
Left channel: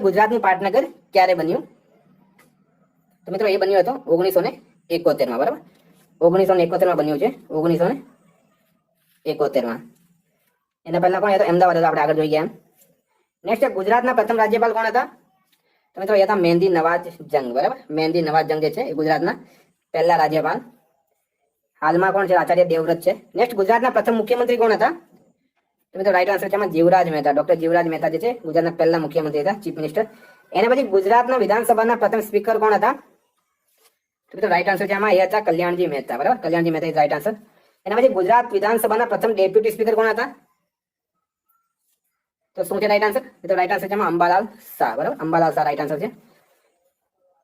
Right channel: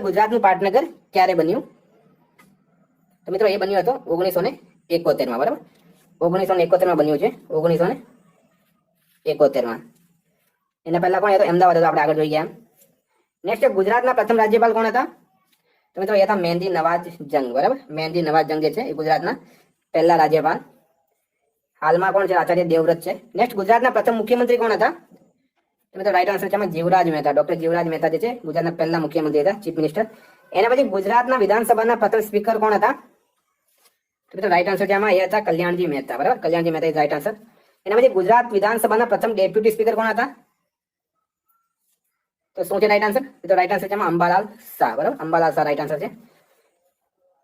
ગુજરાતનું પાટનગર ક્યારે બન્યું? તો મિત્રો એ બન્યું હતું 1971 માં, બરાબર. 1971 માં બન્યું છે, 1971 માં. એના પહેલા કોણ હતું? અમદાવાદ હતું, આપણે આગળ જોઈ ગયા. નેક્સ્ટ ગુજરાતના પ્રથમ રાજ્યપાલ કોણ હતા? તો મિત્રો એ હતા મહેંદી નવાજ જંગ, બરાબર. મહેંદી નવાજ જંગ જે છે એ ગુજરાતના પહેલા રાજ્યપાલ. હાલમાં કોણ છે? આચાર્ય દેવવ્રત છે. નેક્સ્ટ ગુજરાતના પ્રથમ મુખ્યમંત્રી કોણ હતા? તો મિત્રો રાઈટ આન્સર છે એમાં જીવરાજ મહેતા. ડોક્ટર જીવરાજ મહેતા જે છે ગુજરાતના પહેલા મુખ્યમંત્રી હતા, ચીફ મિનિસ્ટર. એના પછી ગુજરાતના વિધાનસભાના પ્રથમ સ્પીકર કોણ હતા? તો મિત્રો રાઈટ આન્સર છે આમાં એ હતા કલ્યાણજી મહેતા, બરાબર. Kalyanji Mehta is right answer. એના પછી ગુજરાત વિધાનસભાના પ્રથમ ડેપ્યુટી સ્પીકર કોણ હતા? તો શું છે રાઈટ આન્સર? તો રાઈટ આન્સર છે એમાં અંબાલાલ શાહ, બરાબર. અંબાલાલ શાહ રાઈટ આન્સર છે.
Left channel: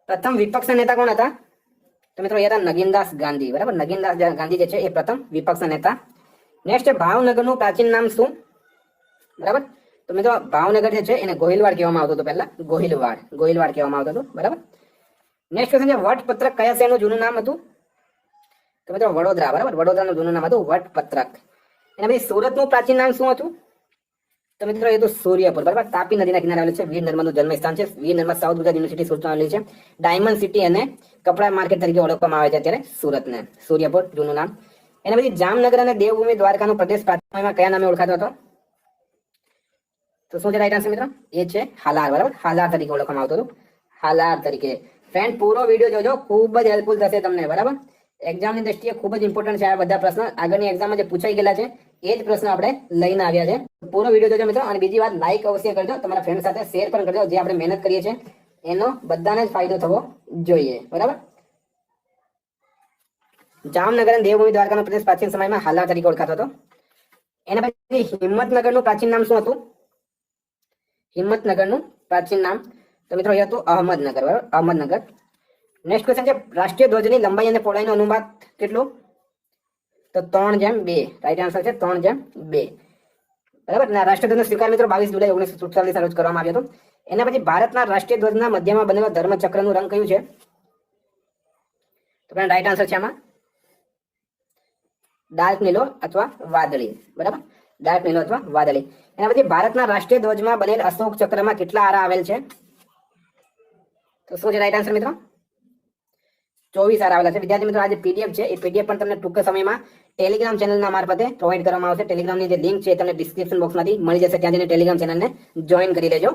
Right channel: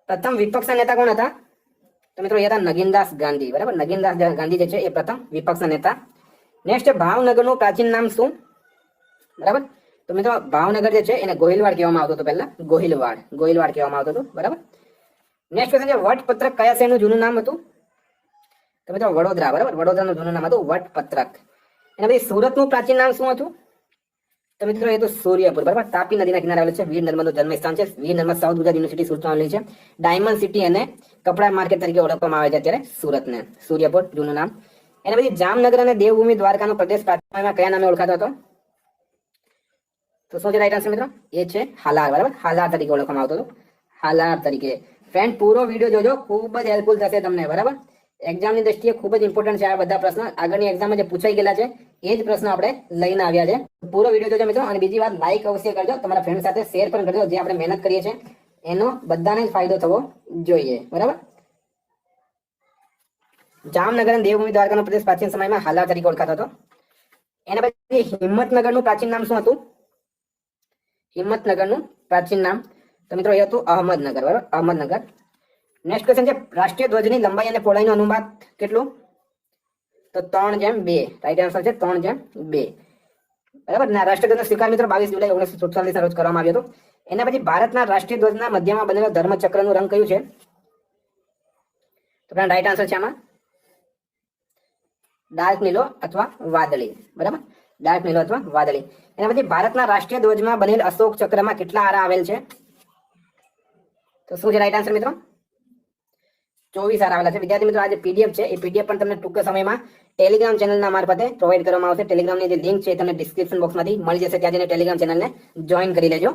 પ્રથમ વિપક્ષ નેતા કોણ હતા? તો મિત્રો એ હતા નગીનદાસ ગાંધી, બરાબર. નગીનદાસ ગાંધી જે છે એ પ્રથમ વિપક્ષ નેતા. નેક્સ્ટ ભાવનગરનું પ્રાચીન નામ શું? બરાબર. તો મિત્રો ભાવનગર જે છે એને ગોહિલવાડ કહેવામાં આવતું હતું પહેલા. ગોહિલવાડ કહેવામાં આવતું હતું, બરાબર. નેક્સ્ટ ક્વેશ્ચન છે વટપત્રક કયા શહેરનું જૂનું નામ હતું? તો મિત્રો વડોદરા, બરાબર. વડોદરાનું જૂનું નામ હતું વટપત્રક. એના પછી સુરતનું પ્રાચીન નામ શું હતું? તો મિત્રો એ તો સૂર્યપુર, બરાબર. તાપી નદીના કિનારે આવેલું છે. વીર નર્મદનું જન્મસ્થાન છે. વીર નર્મદ સાઉથ ગુજરાત યુનિવર્સિટી સુરતમાં આવેલી છે. ડાયમંડ સિટી અને કપડા માર્કેટ તરીકે ઓળખવામાં આવે છે અત્યારે સુરતને. સૂર્યપુર જૂનું નામ. એના પછી જામનગર અને દેવભૂમિ દ્વારકાનો પ્રદેશ પ્રાચીન સમયમાં કયા નામે ઓળખાતો હતો? તો શું છે રાઈટ આન્સર મિત્રો? એ છે હાલાર, બરાબર. હાલાર તરીકે ઓળખવામાં આવતું હતું. હાલાર તરીકે. ફ્રેન્ડ પૂરો વિડીયો જોજો, ખૂબ જ હેલ્પફુલ થશે તમને, બરાબર. એક્ઝામની દ્રષ્ટિએ ખૂબ જ ઇમ્પોર્ટન્ટ છે આ બધા પ્રશ્નો. આગળની એક્ઝામમાં જે પૂછાઈ ગયેલા છે એ જ પ્રશ્નો આપણે લઈને આવ્યા છે. પૂરો વિડીયો જોજો મિત્રો. અને બીજી વાત, લાઈક અવશ્ય કરજો, તમારા ફ્રેન્ડ સાથે શેર પણ કરજો. જે આપણે મહેનત કરીએ છીએ એનો બધાને જ ફાયદો થવો જોઈએ, બરાબર. જામનગર અને દેવભૂમિ દ્વારકાનો પ્રદેશ પ્રાચીન સમયમાં હાલાર તરીકે ઓળખાતો હતો. એના પછી હિંમતનગરનું પ્રાચીન નામ શું હતું? હિંમતનગરનું પ્રાચીન નામ તો મિત્રો એ હતું અહમદનગર, બરાબર. અહમદનગર. નેક્સ્ટ ક્વેશ્ચન છે રાષ્ટ્રીય ધ્વજની લંબાઈ અને પહોળાઈનું અનુપાત કેટલું? તો 3:2. રાઈટ આન્સર છે 3:2, બરાબર. રાષ્ટ્રધ્વજનો સ્વીકાર મિત્રો 22 જુલાઈ 1947 ના રોજ કરવામાં આવ્યો હતો. એના પછી ભારતના રાષ્ટ્રીય ધ્વજના મધ્યમાં બનેલો ધર્મચક્રનું રંગ કયું છે? તો રાઈટ આન્સર છે આમાં ડાર્ક નીલો અથવા વાદળી, બરાબર. ડાર્ક નીલો અથવા વાદળી. એના પછી ભારતના રાષ્ટ્રીય ધ્વજમાં બનેલ અશોક ચક્રમાં કેટલા આરા આવેલ છે? તો શું છે રાઈટ આન્સર મિત્રો? 24 આરા આવેલા છે. વિદ્યાર્થી મિત્રો આ જે પીડીએફ છે એ પીડીએફ પણ તમને ટૂંક સમયમાં ટેલિગ્રામ ચેનલના મારફતે પ્રોવાઈડ કરવામાં આવશે. ટેલિગ્રામની જે લિંક છે એ તમને ડિસ્ક્રિપ્શન બોક્સમાંથી મળી જશે. ત્યાં જઈને ટેલિગ્રામ ચેનલને જોઈન કરી લેજો.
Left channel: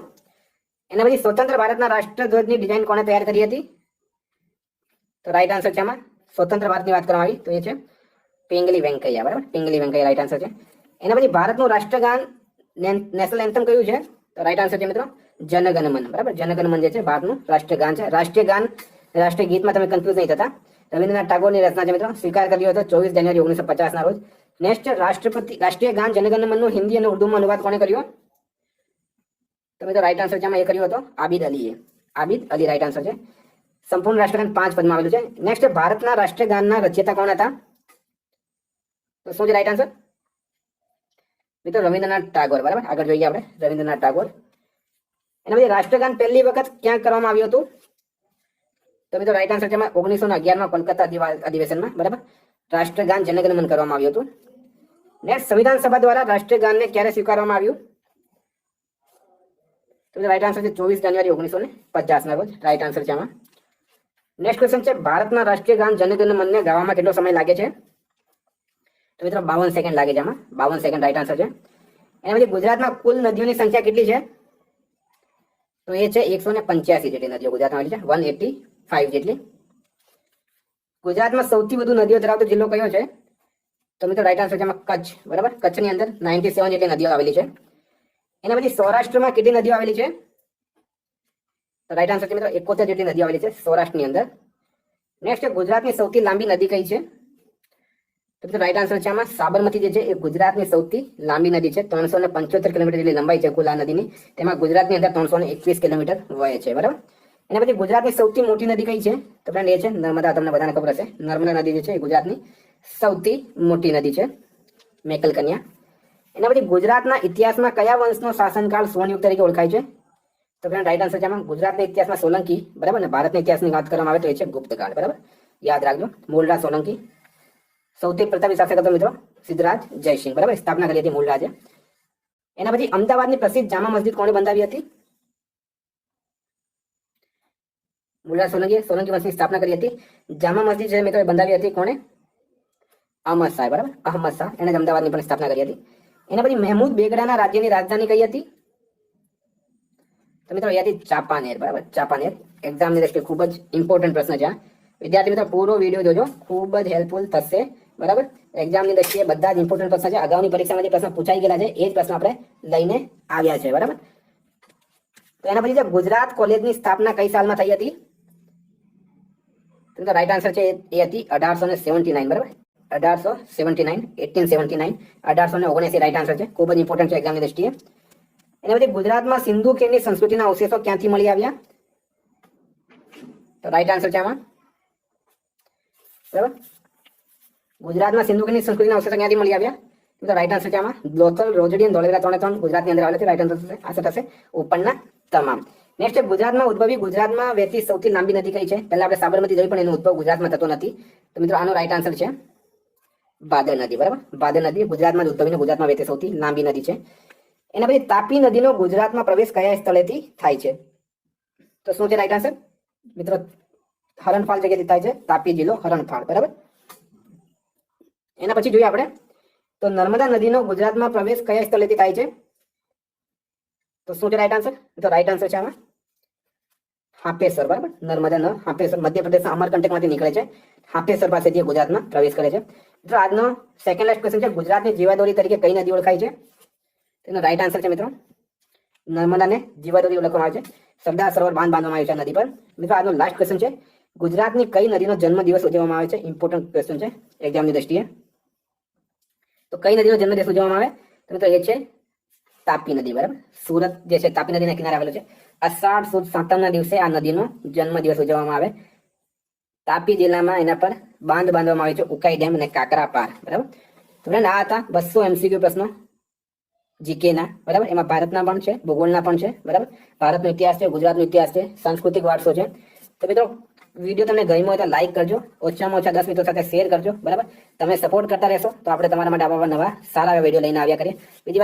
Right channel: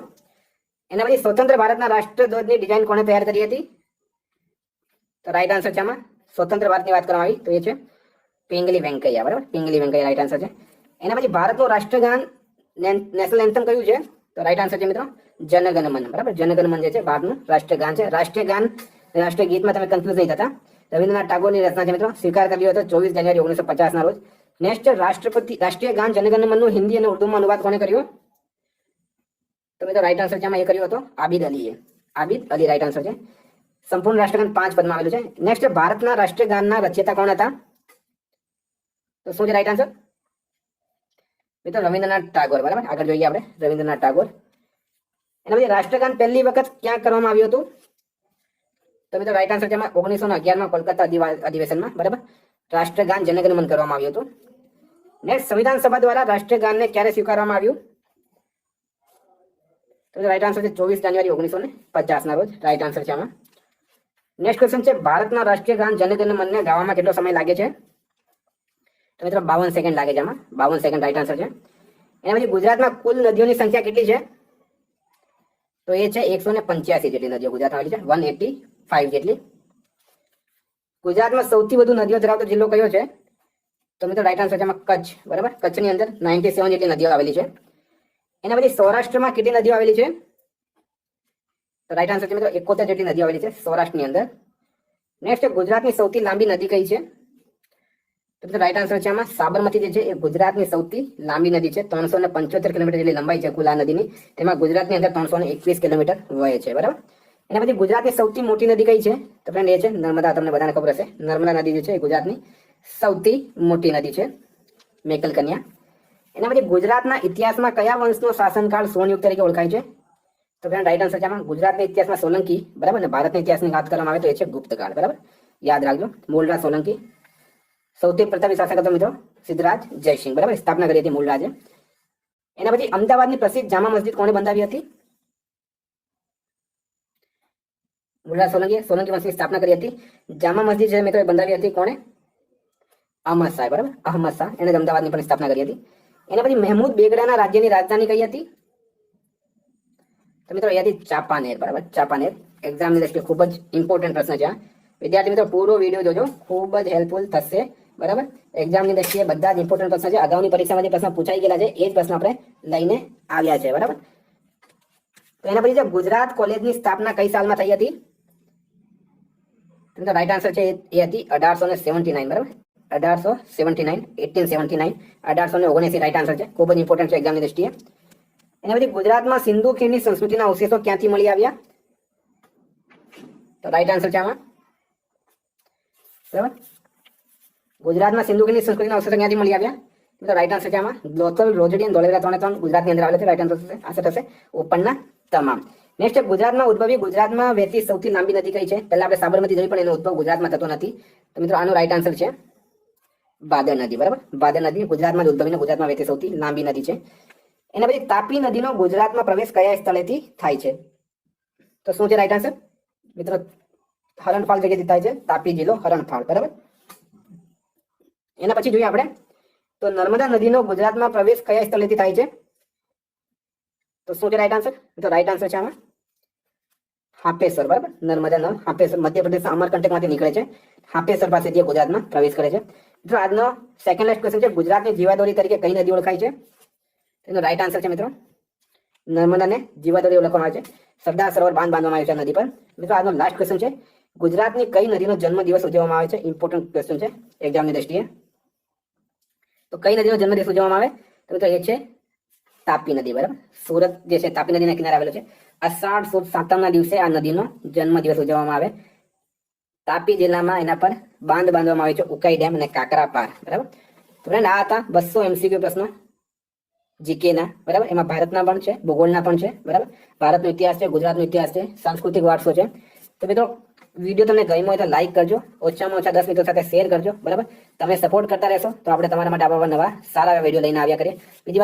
એના પછી સ્વતંત્ર ભારતના રાષ્ટ્રધ્વજની ડિઝાઇન કોણે તૈયાર કરી હતી? તો રાઈટ આન્સર છે આમાં સ્વતંત્ર ભારતની વાત કરવામાં આવી તો એ છે પિંગલી વેંકૈયા, બરાબર. પિંગલી વેંકૈયા રાઈટ આન્સર છે. એના પછી ભારતનું રાષ્ટ્રગાન નેશનલ એન્થમ કયું છે? તો રાઈટ આન્સર છે મિત્રો જનગણમન, બરાબર. જનગણમન જે છે ભારતનું રાષ્ટ્રગાન છે. રાષ્ટ્રીય ગીતમાં તમે કન્ફ્યુઝ નહીં થતા. રવિન્દ્રનાથ ટાગોરની રચના છે મિત્રો. સ્વીકાર કર્યો હતો 24 જાન્યુઆરી 1950 ના રોજ. નેક્સ્ટ રાષ્ટ્રીય ગાન જનગણમનનું હિન્દી અને ઉર્દુમાં અનુવાદ કોણે કર્યો? તો મિત્રો રાઈટ આન્સર છે આમાં એ કર્યો હતો આબિદ અલીએ. આબિદ અલી રાઈટ આન્સર છે. સંપૂર્ણ રાષ્ટ્રગાન 5 પદમાં આવેલું છે. નેક્સ્ટ ભારતના રાષ્ટ્રગાનના રચયિતા કોણ હતા? તો શું છે રાઈટ આન્સર? મિત્રો રવિન્દ્રનાથ ટાગોર, બરાબર. આગળ જોઈએ આપણે રવિન્દ્રનાથ ટાગોર. એના પછી રાષ્ટ્રગાન પહેલી વખત ક્યાં કરવામાં આવ્યું હતું? તો મિત્રો રાઈટ આન્સર છે 1911 માં કોલકાતા અધિવેશનમાં, બરાબર. રાષ્ટ્રગાન જનગણમન કરવામાં આવ્યું હતું. નેક્સ્ટ સંવિધાન સભા દ્વારા રાષ્ટ્રગાનને ક્યારે સ્વીકારવામાં આવ્યું? તો રાઈટ આન્સર છે 24 જાન્યુઆરી 1950 ના રોજ. રાઈટ આન્સર છે આમાં. નેક્સ્ટ ક્વેશ્ચન છે ભારતના રાષ્ટ્રીય ગાન જનગણમનને ગાવામાં કેટલો સમય લાગે છે? તો મિત્રો 52 સેકન્ડ લાગે છે આમાં. 52 સેકન્ડ રાઈટ આન્સર છે. એના પછી ગુજરાતમાં કુલ નદીઓની સંખ્યા કેટલી છે? તો એ છે 185 જેટલી નદીઓ ગુજરાતમાં આવેલી છે. 185 જેટલી. ગુજરાતમાં સૌથી વધુ નદીઓ ધરાવતો જિલ્લો કયો છે? તો મિત્રો રાઈટ આન્સર છે આમાં કચ્છ, બરાબર. કચ્છની અંદર 97 જેટલી નદીઓ આવેલી છે. એના પછી સૌરાષ્ટ્રમાં કેટલી નદીઓ આવેલી છે? તો રાઈટ આન્સર છે મિત્રો 71 જેટલી નદીઓ આવેલી છે સૌરાષ્ટ્રની અંદર. નેક્સ્ટ ગુજરાતની સૌથી લાંબી નદી કઈ છે? તો મિત્રો રાઈટ આન્સર છે આમાં સાબરમતી જે છે એ ગુજરાતની સૌથી લાંબી નદી છે. 375 કિલોમીટર જેટલી લંબાઈ છે કુલ આ નદીની. તેમાં ગુજરાતની અંદર 321 કિલોમીટર વહે છે, બરાબર. એના પછી ગુજરાતની સૌથી મોટી નદી કઈ છે? તો ફ્રેન્ડ એ છે નર્મદા. તમને બધાને ખબર હશે નર્મદા નદી જે છે એ ગુજરાતની સૌથી મોટી નદી છે, મેકલ કન્યા. એના પછી ગુજરાતના ઇતિહાસમાં કયા વંશનો શાસનકાળ સુવર્ણયુગ તરીકે ઓળખાય છે? તો ફ્રેન્ડ રાઈટ આન્સર છે આમાં ગુજરાતના ઇતિહાસમાં સોલંકી, બરાબર. ને ભારતના ઇતિહાસની વાત કરવામાં આવે તો એ છે ગુપ્તકાળ, બરાબર. યાદ રાખજો. મોલરાજ સોલંકી સૌથી પ્રથમ શાસક હતો મિત્રો સિદ્ધરાજ જયસિંહ, બરાબર, સ્થાપના કરી હતી મૂળરાજે. એના પછી અમદાવાદની પ્રસિદ્ધ જામા મસ્જિદ કોણે બંધાવી હતી? મૂળરાજ સોલંકી, સોલંકી વંશની સ્થાપના કરી હતી. જામા મસ્જિદ છે મિત્રો એ બંધાવી હતી કોણે? અહમદ શાહ, બરાબર, અહમદ શાહ, એને અમદાવાદની પણ સ્થાપના કરી હતી. એના પછી મહેમૂદ બેગડાના રાજ્યની રાજધાની કઈ હતી? તો મિત્રો એ હતી ચાંપાનેર, બરાબર, ચાંપાનેર. એક્ઝામની દ્રષ્ટિએ ખૂબ જ ઇમ્પોર્ટન્ટ પ્રશ્ન છે આ. વિદ્યાર્થી મિત્રો પૂરો વિડીયો જોજો, ખૂબ જ હેલ્પફુલ થશે, બરાબર. એક્ઝામની દ્રષ્ટિએ બધા જ ઇમ્પોર્ટન્ટ પ્રશ્ન છે. અગાઉની પરીક્ષામાં જે પ્રશ્ન પૂછાઈ ગયેલા છે એ જ પ્રશ્ન આપણે લઈને આવ્યા છે, બરાબર. તો એના પછી ગુજરાત કોલેજની સ્થાપના કઈ સાલમાં થઈ હતી? તો રાઈટ આન્સર છે એ હતી 1879, બરાબર, 1879, 1879, 1879 રાઈટ આન્સર છે. ખૂબ જ ઇમ્પોર્ટન્ટ છે એક્ઝામની દ્રષ્ટિએ. એના પછી ગુજરાતમાં સિંધુ ખીણની સંસ્કૃતિના અવશેષો ક્યાંથી મળી આવ્યા? તો રાઈટ આન્સર છે આમાં, બરાબર, ગુજરાતમાં સિંધુ ખીણની સંસ્કૃતિના અવશેષો ક્યાંથી મળી આવ્યા? તો રાઈટ આન્સર છે આમાં લોથલ, રોજડી અને ધોળેરા 3 ગુજરાતની અંદર આવેલા છે. રાઈટ આન્સર થશે ઉપરના તમામ. નેક્સ્ટ ગુજરાતમાં ઉદ્ભવી, ગુજરાતમાં વહેતી સૌથી લાંબી નદી કઈ છે? પહેલા આપણે સાબરમતી જોઈ, પણ એનો ઉદ્ભવ ગુજરાતમાં થતો નથી. તો મિત્રો આનો રાઈટ આન્સર છે ભાદર નદી, બરાબર, ભાદર નદી ગુજરાતમાં જ ઉદ્ભવીને ગુજરાતમાં વહેતી સૌથી લાંબી નદી છે. એના પછી તાપી નદીનો ગુજરાતમાં પ્રવેશ કયા સ્થળેથી થાય છે? તો શું છે રાઈટ આન્સર? મિત્રો હરણફાળ જગ્યાથી થાય છે, તાપી જિલ્લો હરણફાળ, બરાબર. એના પછી જોઈએ આપણે તો નર્મદા નદીનો ગુજરાતમાં પ્રવેશ કયા સ્થળેથી થાય છે? તો શું છે રાઈટ આન્સર? તો રાઈટ આન્સર છે આમાં હાપેશ્વર, બરાબર, નર્મદા હાપેશ્વર મધ્યપ્રદેશના અમરકંટકમાંથી નીકળે છે. હાપેશ્વર પાસેથી ગુજરાતમાં પ્રવેશ કરે છે. મિત્રો આજનો સેકન્ડ લાસ્ટ ક્વેશ્ચન છે, ગુજરાતની જીવાદોરી તરીકે કઈ નદી ઓળખાય છે? એનો રાઈટ આન્સર છે મિત્રો નર્મદાને જીવાદોરી ઓળખવામાં આવે છે. સરદાર સરોવર બાંધ બાંધવામાં આવ્યું છે નદી પર. મિત્રો આજનો લાસ્ટ ક્વેશ્ચન છે, ગુજરાતની કઈ નદીનો જન્મદિવસ ઉજવવામાં આવે છે? ઇમ્પોર્ટન્ટ ક્વેશ્ચન છે એક્ઝામની દ્રષ્ટિએ. તો કઈ નદીનો જન્મદિવસ ઉજવવામાં આવે? તો એ છે તાપી નદી, બરાબર. સુરત જે છે તાપી નદીના કિનારે આવેલો છે. અષાઢ સુદ સાતમના દિવસે આ નદીનો જન્મદિવસ ઉજવવામાં આવે. તાપી જિલ્લામાં એના પર બાંધ બાંધવામાં આવે છે, ઉકાઈ ડેમ અને કાકરા પાર, બરાબર. તો ફ્રેન્ડ આ હતા 200 MCQ પ્રશ્નો જીકેના, બરાબર. એમાં ભારતના પણ છે, ભૂગોળના પણ છે, બરાબર. ભારતનો ઇતિહાસ છે, ગુજરાતનો ઇતિહાસ છે, સાંસ્કૃતિક વારસો છે. તો મિત્રો વિડીયો તમને ગમ્યો હોય તો લાઈક કરજો, ઓછામાં ઓછા 10 મિત્રો સાથે શેર કરજો, બરાબર. તમે સપોર્ટ કરતા રહેશો તો આપણે તમારા માટે આવા નવા સારા વિડીયો લઈને આવ્યા કરીએ. બીજી